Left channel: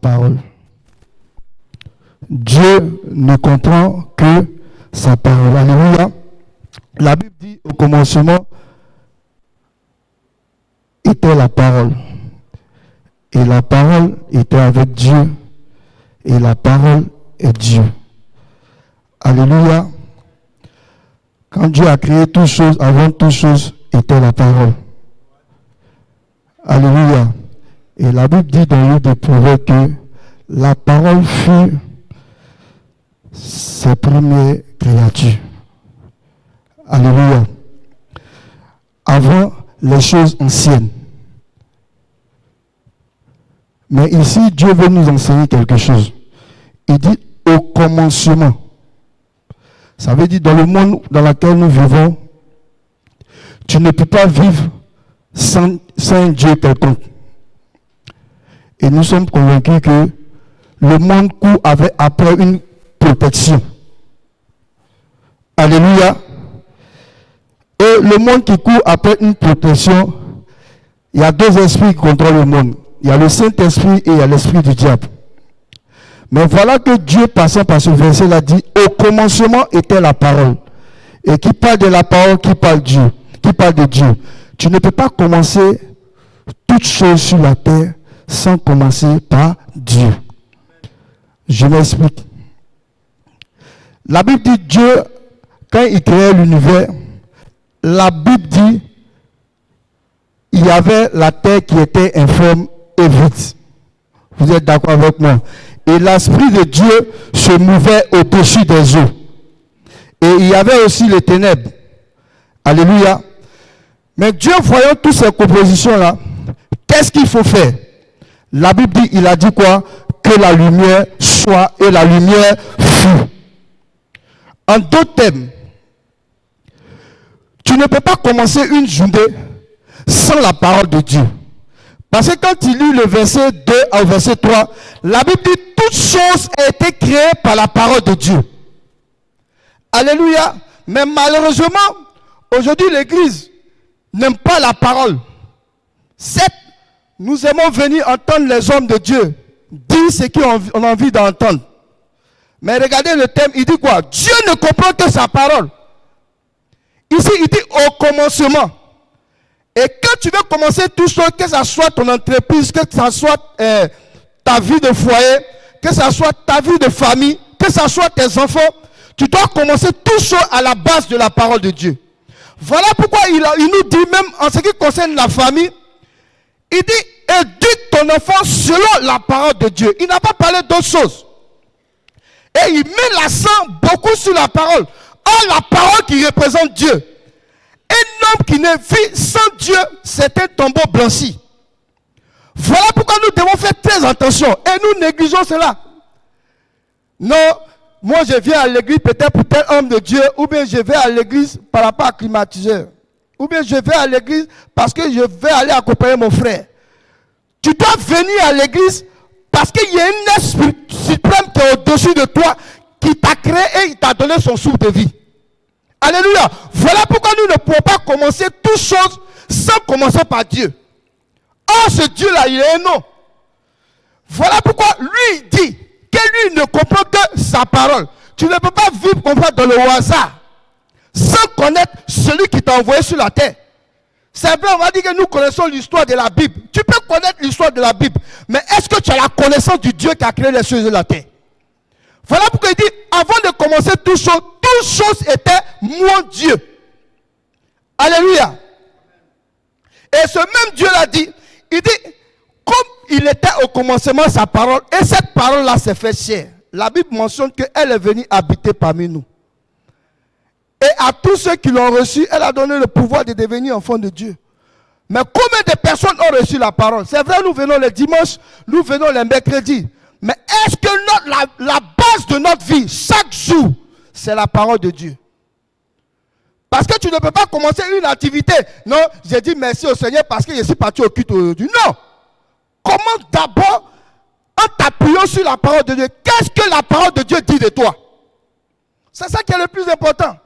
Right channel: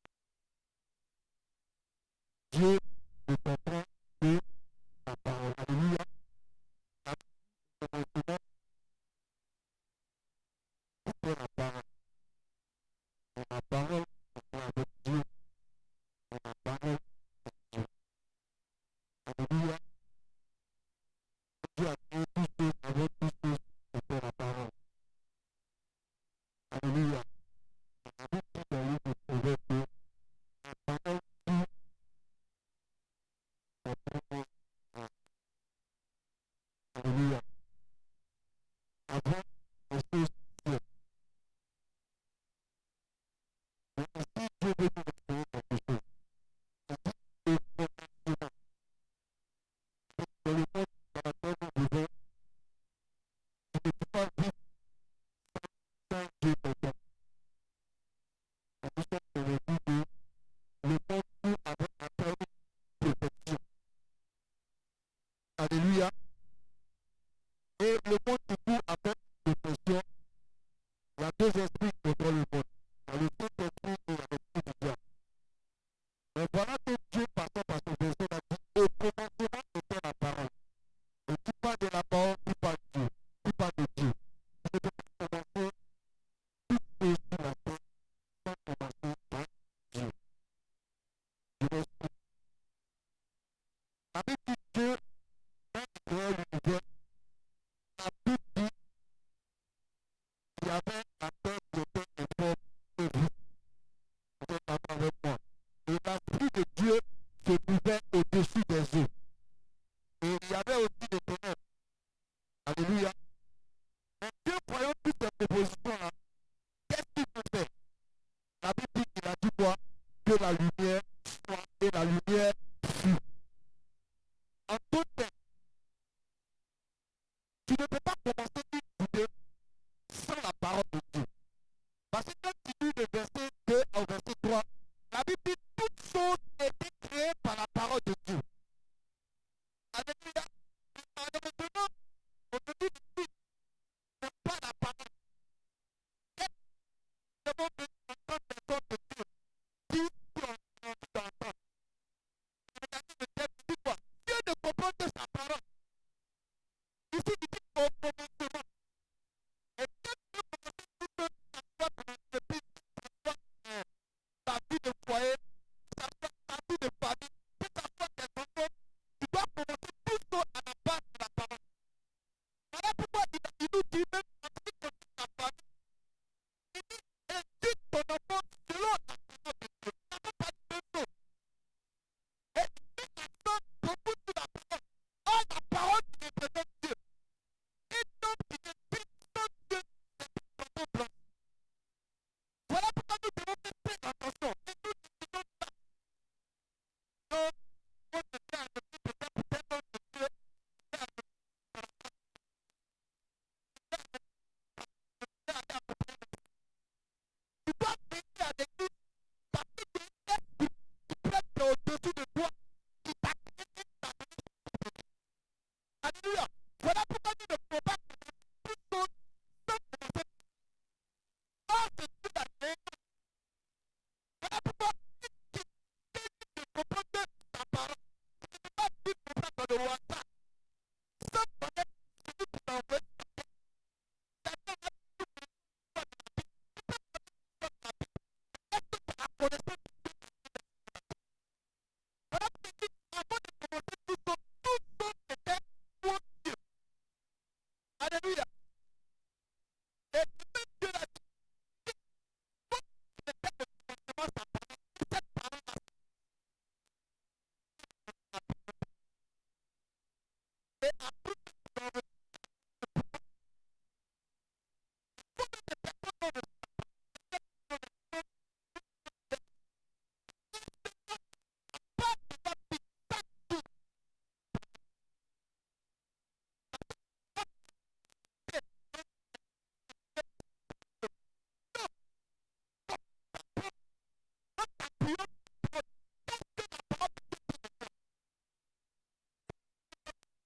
parole. Dieu ne comprend que sa parole. Alléluia. La Bible dit au commencement était la parole. Et la parole était avec Dieu. Et la parole est Dieu. Alléluia. Quand Dieu a créé toutes choses, avant toutes choses était la parole. Alléluia. Et la Bible dit dans le livre de Proverbes que la parole fut ses premières créatures. Alléluia. Avant les choses anciennes. Mais ici, Dieu veut nous enseigner quelque chose. Il dit au commencement. Ça veut dire dans le monde dans lequel nous vivons, tu ne peux pas vivre sans un Dieu quelconque. Et nous sommes convaincus que le monde court après une protection. Alléluia. Et le monde qui court après une protection, il y a deux esprits qui contrôlent le monde. Il y a le Saint-Esprit et il y a l'esprit du diable. Mais voilà que Dieu, passant par ce verset, l'a dit, au commencement était la parole. Et qui parle de la parole, qui parle de Dieu. Tu ne peux pas commencer toutes choses sur la terre sans commencer par Dieu. Je m'explique. La Bible dit Dieu, quand il créait l'univers, la Bible dit il y avait la terre qui était informe et vide. Vous êtes d'accord avec moi? Et l'Esprit de Dieu se mouvait au-dessus des eaux. Et il y avait aussi les ténèbres. Alléluia. Mais Dieu, voyant toutes ces compositions-là, qu'est-ce qu'il faut faire? La Bible dit, il a dit quoi? Que la lumière soit et la lumière fut. En d'autres termes, tu ne peux pas commencer une journée sans la parole de Dieu. Parce que quand tu lis le verset 2 au verset 3, la Bible dit toute chose a été créée par la parole de Dieu. Alléluia. Mais malheureusement, aujourd'hui l'Église n'aime pas la parole. Certes, nous aimons venir entendre les hommes de Dieu dire ce qu'on a envie d'entendre. Mais regardez le thème, il dit quoi? Dieu ne comprend que sa parole. Ici, il dit au commencement. Et quand tu veux commencer tout ça, que ce soit ton entreprise, que ce soit ta vie de foyer, que ce soit ta vie de famille, que ce soit tes enfants, tu dois commencer tout ça à la base de la parole de Dieu. Voilà pourquoi il nous dit, même en ce qui concerne la famille, il dit, éduque ton enfant selon la parole de Dieu. Il n'a pas parlé d'autre chose. Et il met l'accent beaucoup sur la parole. Or, la parole qui représente Dieu. Un homme qui ne vit sans Dieu, c'est un tombeau blanchi. Voilà pourquoi nous devons faire très attention. Et nous négligeons cela. Non, moi je viens à l'église peut-être pour tel homme de Dieu, ou bien je vais à l'église par rapport à climatiseur. Ou bien je vais à l'église parce que je vais aller accompagner mon frère. Tu dois venir à l'église parce qu'il y a un esprit suprême qui est au-dessus de toi, qui t'a créé et il t'a donné son souffle de vie. Alléluia. Voilà pourquoi nous ne pouvons pas commencer toutes choses sans commencer par Dieu. Or, ce Dieu-là, il est un nom. Voilà pourquoi lui, il dit que lui ne comprend que sa parole. Tu ne peux pas vivre comme ça dans le hasard sans connaître celui qui t'a envoyé sur la terre. C'est vrai, on va dire que nous connaissons l'histoire de la Bible. Tu peux connaître l'histoire de la Bible, mais est-ce que tu as la connaissance du Dieu qui a créé les choses de la terre? Voilà pourquoi il dit, avant de commencer toutes choses étaient mon Dieu. Alléluia. Et ce même Dieu l'a dit, il dit, comme il était au commencement sa parole, et cette parole-là s'est fait chair. La Bible mentionne qu'elle est venue habiter parmi nous. Et à tous ceux qui l'ont reçu, elle a donné le pouvoir de devenir enfants de Dieu. Mais combien de personnes ont reçu la parole? C'est vrai, nous venons les dimanches, nous venons les mercredis. Mais est-ce que la base de notre vie, chaque jour, c'est la parole de Dieu? Parce que tu ne peux pas commencer une activité. Non, j'ai dit merci au Seigneur parce que je suis parti au culte aujourd'hui. Non. Commence d'abord en t'appuyant sur la parole de Dieu. Qu'est-ce que la parole de Dieu dit de toi? C'est ça qui est le plus important.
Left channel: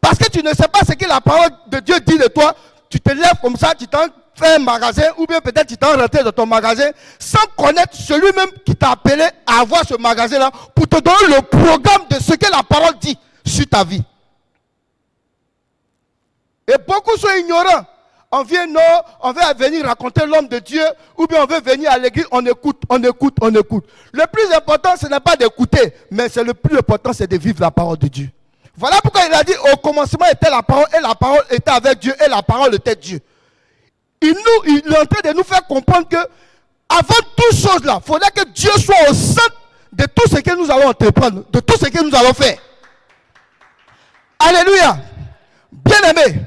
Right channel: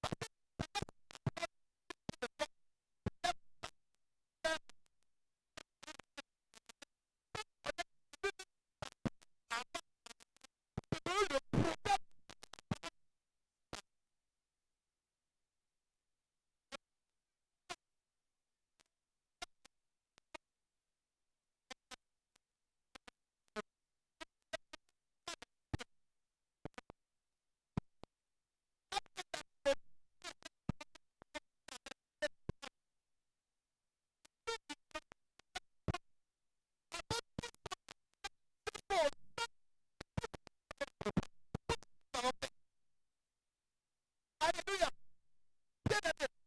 Parce que tu ne sais pas ce que la parole de Dieu dit de toi. Tu te lèves comme ça, tu fait un magasin, ou bien peut-être tu t'es rentré dans ton magasin, sans connaître celui-même qui t'a appelé à avoir ce magasin-là, pour te donner le programme de ce que la parole dit sur ta vie. Et beaucoup sont ignorants. On vient, non, on veut venir raconter l'homme de Dieu, ou bien on veut venir à l'église, on écoute. Le plus important, ce n'est pas d'écouter, mais le plus important, c'est de vivre la parole de Dieu. Voilà pourquoi il a dit, au commencement était la parole, et la parole était avec Dieu, et la parole était Dieu. Il est en train de nous faire comprendre que, avant toute chose là, il faudrait que Dieu soit au centre de tout ce que nous allons entreprendre, de tout ce que nous allons faire. Alléluia. Bien-aimé,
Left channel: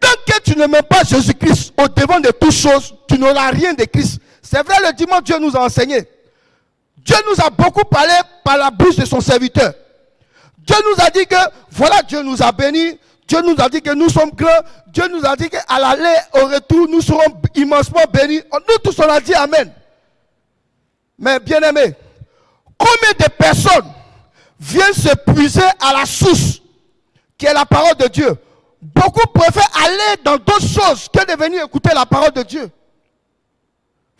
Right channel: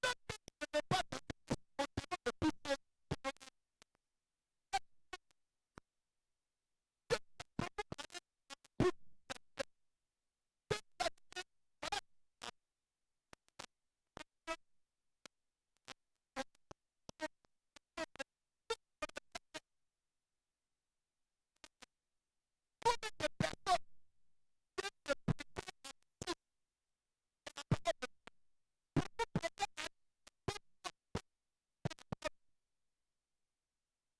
tant que tu ne mets pas Jésus-Christ au devant de toutes choses, tu n'auras rien de Christ. C'est vrai, le dimanche, Dieu nous a enseigné. Dieu nous a beaucoup parlé par la bouche de son serviteur. Dieu nous a dit que, voilà, Dieu nous a bénis. Dieu nous a dit que nous sommes grands. Dieu nous a dit qu'à l'aller, au retour, nous serons immensement bénis. Nous tous, on a dit Amen. Mais bien-aimé, combien de personnes viennent se puiser à la source qui est la parole de Dieu? Beaucoup préfèrent aller dans d'autres choses que de venir écouter la parole de Dieu.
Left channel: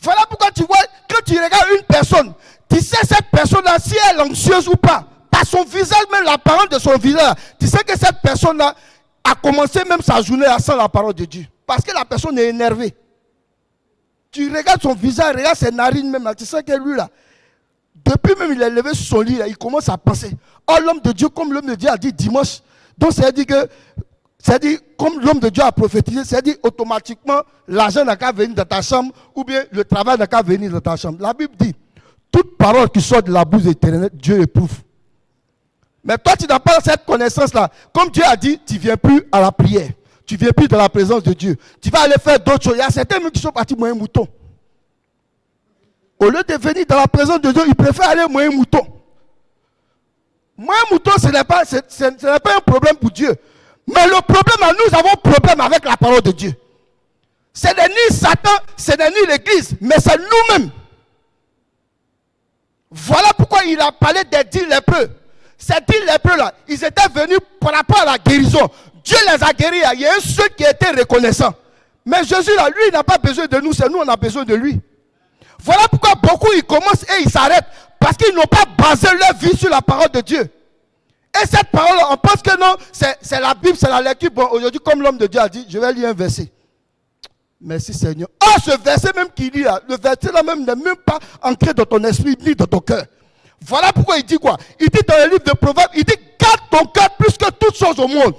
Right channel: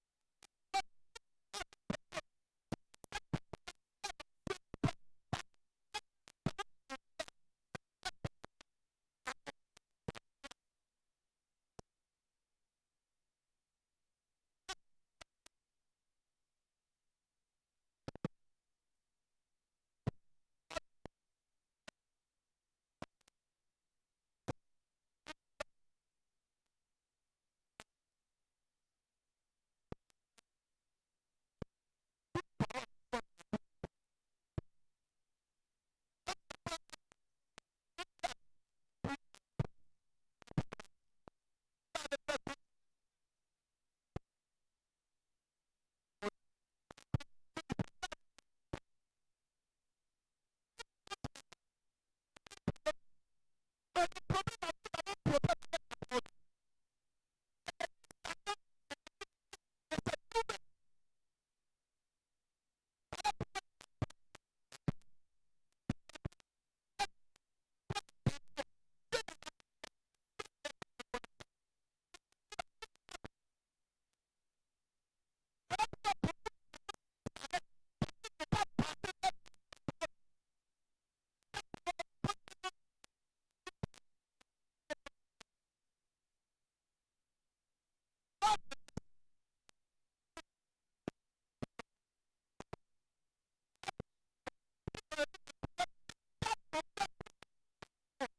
Voilà pourquoi tu vois, quand tu regardes une personne, tu sais cette personne-là, si elle est anxieuse ou pas, par son visage, même la parole de son visage, tu sais que cette personne-là a commencé même sa journée sans la parole de Dieu. Parce que la personne est énervée. Tu regardes son visage, regarde ses narines même, là, tu sais que lui là, depuis même il est levé sur son lit, là, il commence à penser. Oh, l'homme de Dieu, comme l'homme de Dieu a dit dimanche, donc c'est-à-dire que, c'est-à-dire, comme l'homme de Dieu a prophétisé, c'est-à-dire automatiquement, l'argent n'a qu'à venir dans ta chambre, ou bien le travail n'a qu'à venir dans ta chambre. La Bible dit, toute parole qui sort de la bouche éternelle, Dieu éprouve. Mais toi, tu n'as pas cette connaissance-là. Comme Dieu a dit, tu ne viens plus à la prière. Tu ne viens plus dans la présence de Dieu. Tu vas aller faire d'autres choses. Il y a certains qui sont partis moyen mouton. Au lieu de venir dans la présence de Dieu, ils préfèrent aller moyen mouton. Moyen mouton, ce n'est pas un problème pour Dieu. Mais le problème, nous avons un problème avec la parole de Dieu. Ce n'est ni Satan, ce n'est ni l'Église, mais c'est nous-mêmes. Voilà pourquoi il a parlé des 10 lépreux. Ces 10 lépreux-là, ils étaient venus par rapport à la guérison. Dieu les a guéris. Il y a un seul qui était reconnaissant. Mais Jésus, là, lui, il n'a pas besoin de nous, c'est nous, on a besoin de lui. Voilà pourquoi beaucoup, ils commencent et ils s'arrêtent. Parce qu'ils n'ont pas basé leur vie sur la parole de Dieu. Et cette parole, on pense que non, c'est la Bible, c'est la lecture. Bon, aujourd'hui, comme l'homme de Dieu a dit, je vais lire un verset. Merci Seigneur. Oh, ce verset même qu'il lit là, le verset là même n'est même pas ancré dans ton esprit ni dans ton cœur. Voilà pourquoi il dit quoi? Il dit dans le livre de Proverbes, il dit garde ton cœur plus que toutes choses au monde.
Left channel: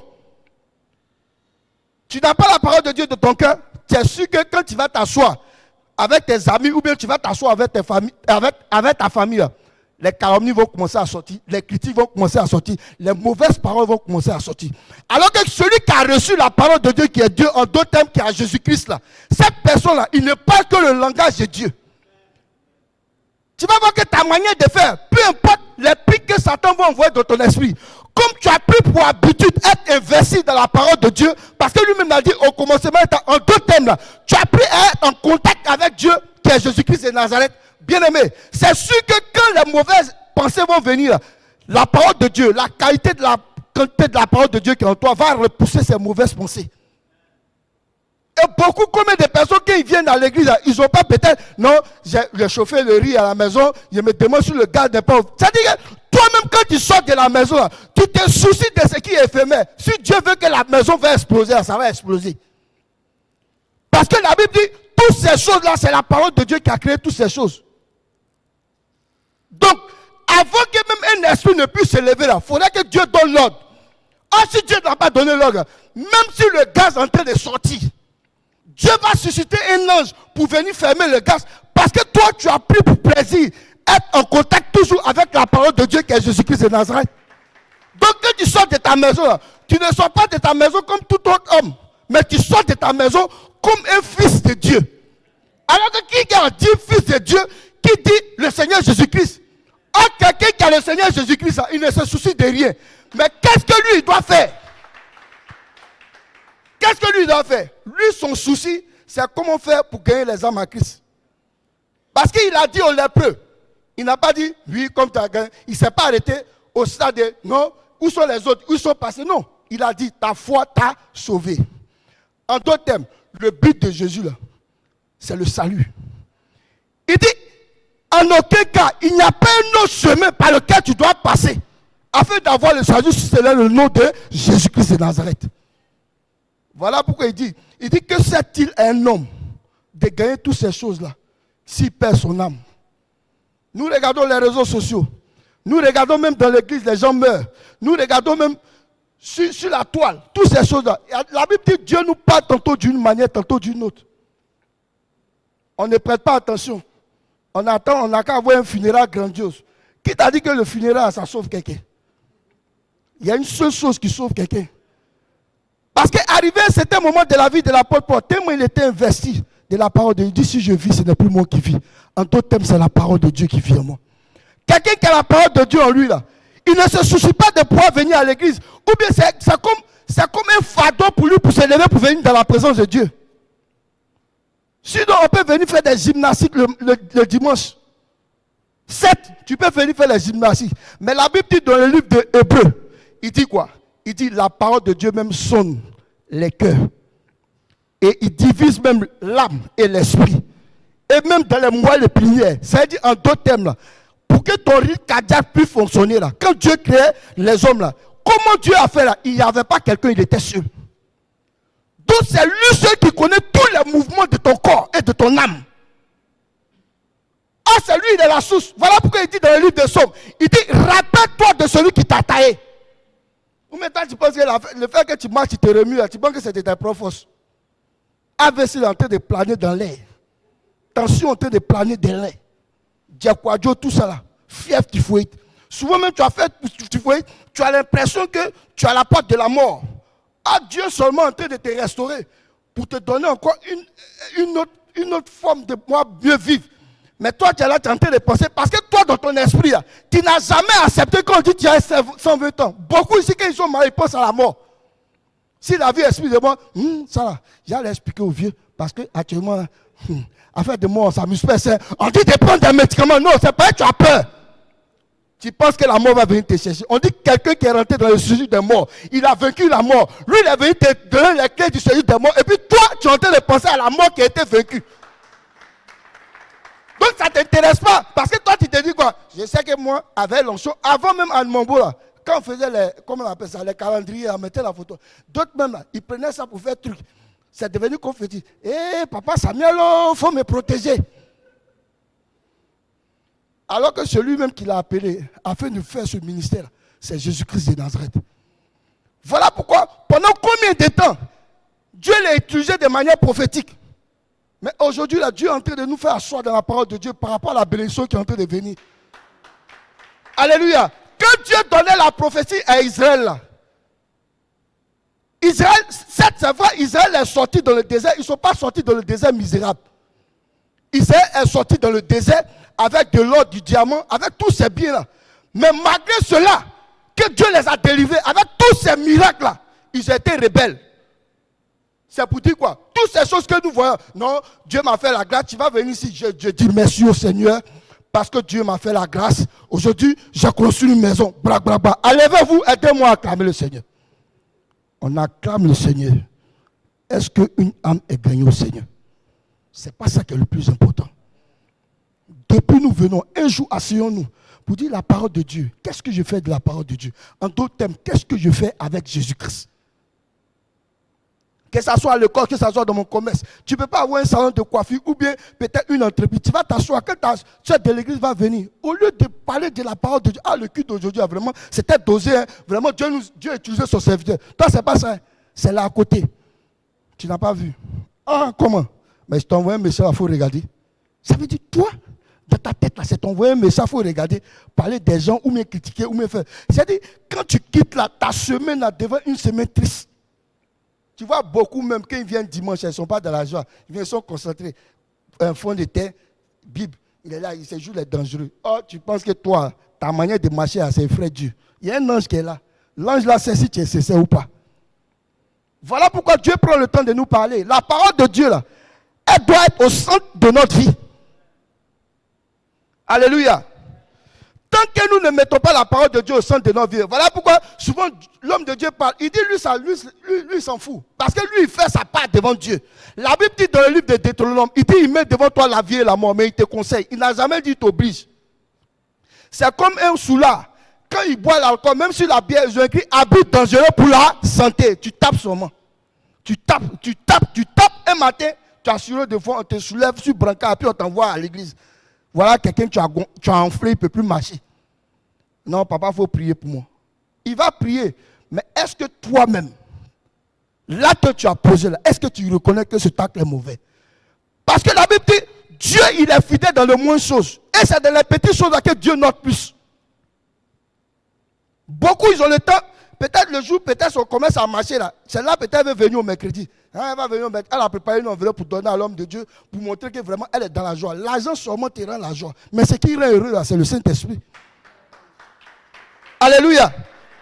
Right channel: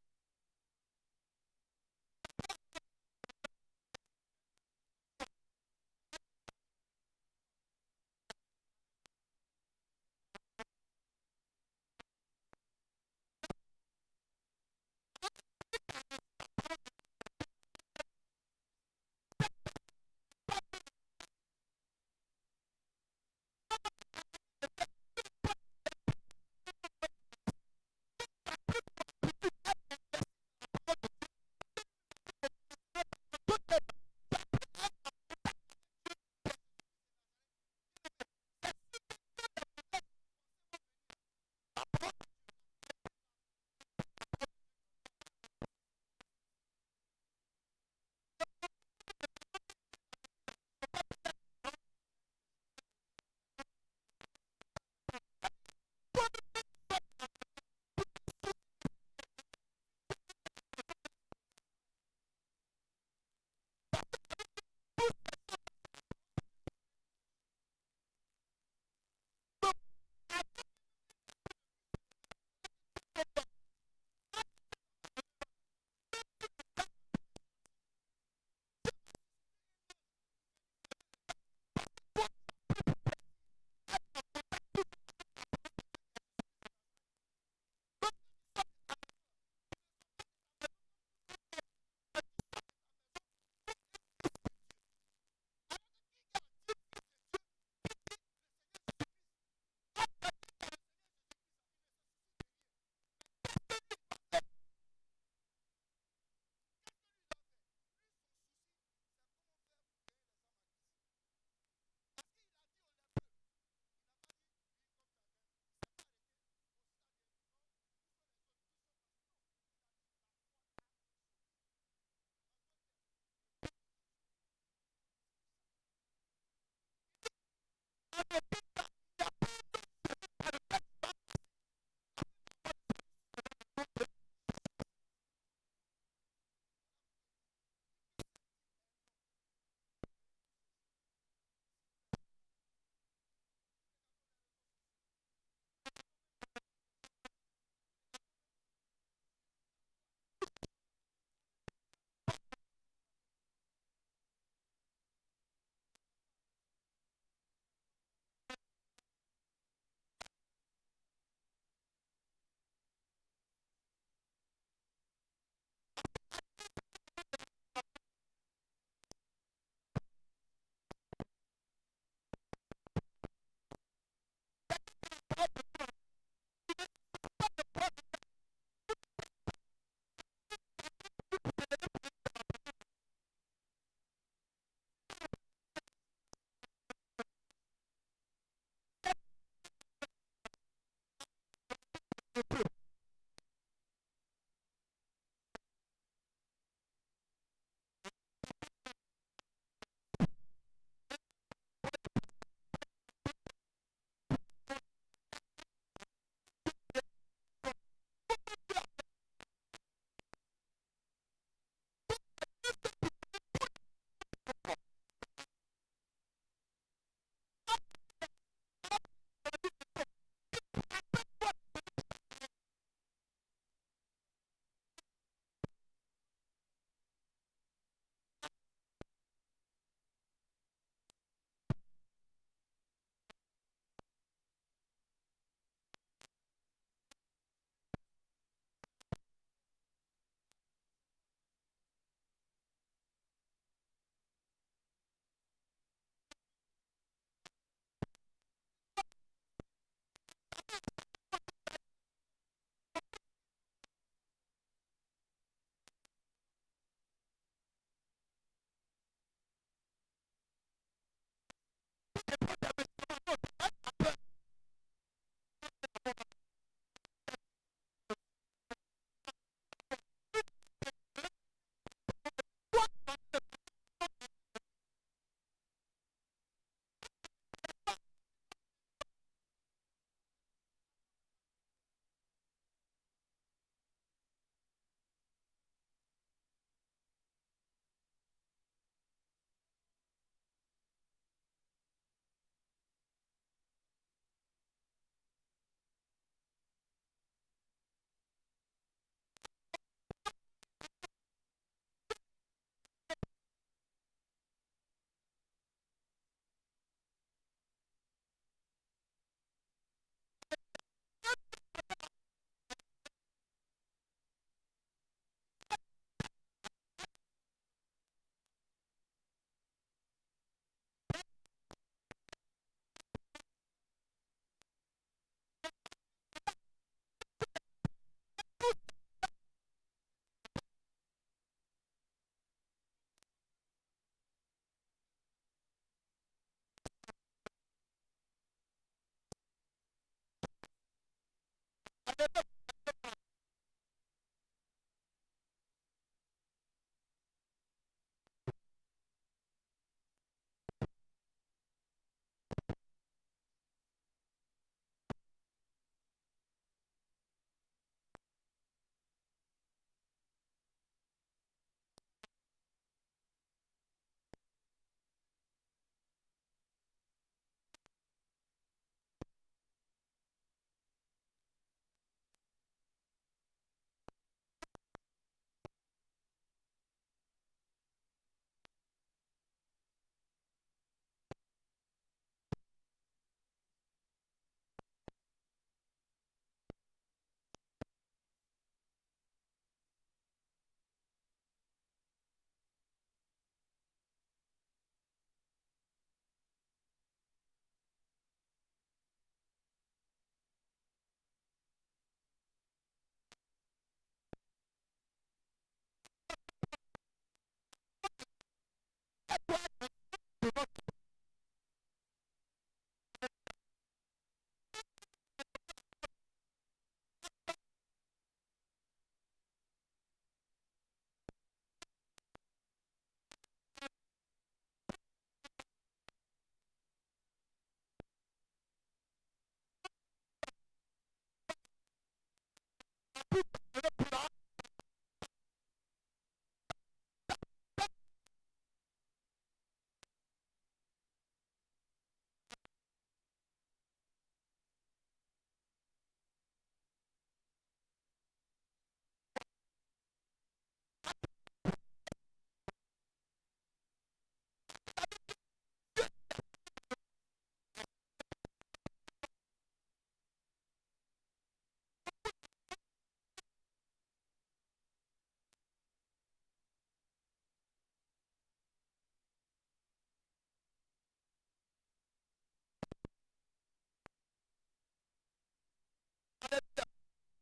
Tu n'as pas la parole de Dieu dans ton cœur, tu es sûr que quand tu vas t'asseoir avec tes amis ou bien tu vas t'asseoir avec ta famille, là, les calomnies vont commencer à sortir, les critiques vont commencer à sortir, les mauvaises paroles vont commencer à sortir. Alors que celui qui a reçu la parole de Dieu, qui est Dieu, en d'autres termes, qui est Jésus-Christ, là, cette personne-là, il ne parle que le langage de Dieu. Tu vas voir que ta manière de faire, peu importe les pics que Satan va envoyer dans ton esprit, comme tu as pris pour habitude être investi dans la parole de Dieu, parce que lui-même a dit au commencement, en d'autres termes, là, tu as pris à être en contact avec Dieu, qui est Jésus-Christ de Nazareth. Bien-aimé, c'est sûr que quand les mauvaises pensées vont venir, la parole de Dieu, la quantité de la parole de Dieu qui est en toi va repousser ces mauvaises pensées. Et beaucoup, combien de personnes qui viennent à l'église, ils n'ont pas peut-être, non, j'ai chauffé le riz à la maison, je me demande sur le gars des pauvres. C'est-à-dire que toi-même, quand tu sors de la maison, là, tu te soucies de ce qui est éphémère. Si Dieu veut que la maison va exploser, ça va exploser. Parce que la Bible dit, toutes ces choses-là, c'est la parole de Dieu qui a créé toutes ces choses. Donc, avant que même un esprit ne puisse se lever là, il faudrait que Dieu donne l'ordre. Ah, si Dieu n'a pas donné l'ordre, même si le gaz est en train de sortir, Dieu va susciter un ange pour venir fermer le gaz. Parce que toi, tu as pris pour plaisir être en contact toujours avec la parole de Dieu qui est Jésus-Christ de Nazareth. Donc, quand tu sors de ta maison, là, tu ne sors pas de ta maison comme tout autre homme, mais tu sors de ta maison comme un fils de Dieu. Alors que qui a dit fils de Dieu, qui dit le Seigneur Jésus-Christ? Ah, quelqu'un qui a le Seigneur Jésus-Christ, il ne se soucie de rien. Mais qu'est-ce que lui, il doit faire? Qu'est-ce que lui doit faire? Lui, son souci, c'est comment faire pour gagner les âmes à Christ. Parce qu'il a dit aux lépreux, il n'a pas dit, oui, comme tu as gagné. Il ne s'est pas arrêté au stade de, non, où sont les autres? Où sont passés? Non. Il a dit, ta foi t'a sauvé. En d'autres termes, le but de Jésus, là, c'est le salut. Il dit, en aucun cas, il n'y a pas un autre chemin par lequel tu dois passer afin d'avoir le salut si c'est le nom de Jésus-Christ de Nazareth. Voilà pourquoi il dit que sert-il à un homme de gagner toutes ces choses-là s'il perd son âme? Nous regardons les réseaux sociaux. Nous regardons même dans l'église, les gens meurent. Nous regardons même sur la toile, toutes ces choses-là. La Bible dit que Dieu nous parle tantôt d'une manière, tantôt d'une autre. On ne prête pas attention. On attend, on n'a qu'à avoir un funérail grandiose. Qui t'a dit que le funérail, ça sauve quelqu'un? Il y a une seule chose qui sauve quelqu'un. Parce qu'arrivé à un certain moment de la vie de l'apôtre Paul, tellement il était investi de la parole de Dieu, il dit, si je vis, ce n'est plus moi qui vis. En d'autres termes, c'est la parole de Dieu qui vit en moi. Quelqu'un qui a la parole de Dieu en lui, là, il ne se soucie pas de pouvoir venir à l'église. Ou bien c'est comme un fardeau pour lui pour se lever pour venir dans la présence de Dieu. Sinon, on peut venir faire des gymnastiques le dimanche. Certes, tu peux venir faire les gymnastiques. Mais la Bible dit dans le livre de Hébreux, il dit quoi? Il dit la parole de Dieu même sonne les cœurs. Et il divise même l'âme et l'esprit. Et même dans les moelles épinières. C'est-à-dire en d'autres termes là, pour que ton rythme cardiaque puisse fonctionner là, quand Dieu créait les hommes là, comment Dieu a fait là? Il n'y avait pas quelqu'un, il était seul. Donc c'est lui seul qui connaît tous les mouvements de ton corps et de ton âme. Ah, c'est lui, il est la source. Voilà pourquoi il dit dans le livre des Psaumes, il dit, rappelle-toi de celui qui t'a taillé. Ou maintenant tu penses que le fait que tu marches, tu te remues, tu penses que c'était ta propre force. AVC est en train de planer dans l'air. Tension en train de planer dans l'air. Diaquadio, tout ça là. Fièvre, typhoïde. Souvent même tu as fait typhoïde, tu as l'impression que tu as la porte de la mort. Ah, Dieu seulement en train de te restaurer pour te donner encore une autre forme de moi mieux vivre. Mais toi, tu es là, tu es en train de penser, parce que toi, dans ton esprit, là, tu n'as jamais accepté qu'on dit que tu as 120 ans. Beaucoup ici, quand ils sont mariés, ils pensent à la mort. Si la vie esprit de moi, ça là, j'allais expliquer aux vieux, parce qu'actuellement, affaire de mort, on s'amuse pas. On dit de prendre des médicaments. Non, c'est pas que tu as peur. Tu penses que la mort va venir te chercher. On dit que quelqu'un qui est rentré dans le séjour des morts, il a vaincu la mort. Lui, il est venu te donner les clés du séjour des morts. Et puis toi, tu es en train de penser à la mort qui a été vaincue. Donc ça ne t'intéresse pas. Parce que toi, tu te dis quoi? Je sais que moi, avec l'onction, avant même à Mambo, là, quand on faisait comment on appelle ça, les calendriers, on mettait la photo. D'autres même, là, ils prenaient ça pour faire truc. C'est devenu confetti. Papa Samuel, il faut me protéger. Alors que celui même qui l'a appelé afin de faire ce ministère, c'est Jésus-Christ de Nazareth. Voilà pourquoi, pendant combien de temps, Dieu l'a utilisé de manière prophétique. Mais aujourd'hui, là, Dieu est en train de nous faire asseoir dans la parole de Dieu par rapport à la bénédiction qui est en train de venir. Alléluia. Quand Dieu donnait la prophétie à Israël, là, Israël, c'est vrai, Israël est sorti dans le désert. Ils ne sont pas sortis dans le désert misérable. Israël est sorti dans le désert avec de l'or, du diamant, avec tous ces biens-là. Mais malgré cela, que Dieu les a délivrés, avec tous ces miracles-là, ils étaient rebelles. C'est pour dire quoi? Toutes ces choses que nous voyons, non, Dieu m'a fait la grâce, tu vas venir ici, je dis merci au Seigneur, parce que Dieu m'a fait la grâce. Aujourd'hui, j'ai construit une maison, bra, bra, bra. Allez-vous, aidez-moi à acclamer le Seigneur. On acclame le Seigneur. Est-ce qu'une âme est gagnée au Seigneur? Ce n'est pas ça qui est le plus important. Depuis nous venons, un jour asseyons-nous pour dire la parole de Dieu. Qu'est-ce que je fais de la parole de Dieu? En d'autres termes, qu'est-ce que je fais avec Jésus-Christ? Que ce soit à l'école, que ce soit dans mon commerce. Tu ne peux pas avoir un salon de coiffure ou bien peut-être une entreprise. Tu vas t'asseoir, quand ta soeur de l'église va venir, au lieu de parler de la parole de Dieu, le culte d'aujourd'hui, vraiment, c'était dosé. Hein, vraiment, Dieu a utilisé son serviteur. Toi, ce n'est pas ça. Hein, c'est là à côté. Tu n'as pas vu. Ah, comment? Mais je t'envoie un message, il faut regarder. Ça veut dire, toi, dans ta tête, là, c'est t'envoyer un message, il faut regarder, parler des gens, ou bien critiquer, ou bien faire. C'est-à-dire, quand tu quittes là, ta semaine là, devant une semaine triste, tu vois beaucoup même, quand ils viennent dimanche, ils ne sont pas dans la joie, ils sont concentrés. Un fond de terre, Bible, il est là, il se joue les dangereux. Oh, tu penses que toi, ta manière de marcher, c'est frère Dieu. Il y a un ange qui est là. L'ange là, c'est si tu es sincère ou pas. Voilà pourquoi Dieu prend le temps de nous parler. La parole de Dieu, là, elle doit être au centre de notre vie. Alléluia. Tant que nous ne mettons pas la parole de Dieu au centre de nos vies, voilà pourquoi souvent l'homme de Dieu parle. Il dit lui s'en fout. Parce que lui, il fait sa part devant Dieu. La Bible dit dans le livre de Deutéronome, il dit il met devant toi la vie et la mort, mais il te conseille. Il n'a jamais dit il t'oblige. C'est comme un soulard. Quand il boit l'alcool, même si la bière est écrit habit dangereux pour la santé, tu tapes seulement. Tu tapes. Un matin, tu as assuré devant, on te soulève sur brancard, puis on t'envoie à l'église. Voilà quelqu'un tu as enflé, il ne peut plus marcher. Non, papa, il faut prier pour moi. Il va prier. Mais est-ce que toi-même, l'acte que tu as posé là, est-ce que tu reconnais que cet acte est mauvais? Parce que la Bible dit, Dieu, il est fidèle dans le moins choses. Et c'est dans les petites choses là que Dieu note plus. Beaucoup, ils ont le temps. Peut-être le jour, peut-être on commence à marcher là. Celle-là, peut-être elle va venir au mercredi. Elle va venir au mercredi. Elle a préparé une enveloppe pour donner à l'homme de Dieu, pour montrer que vraiment elle est dans la joie. L'argent seulement te rend la joie. Mais ce qui rend heureux là, c'est le Saint-Esprit. Alléluia.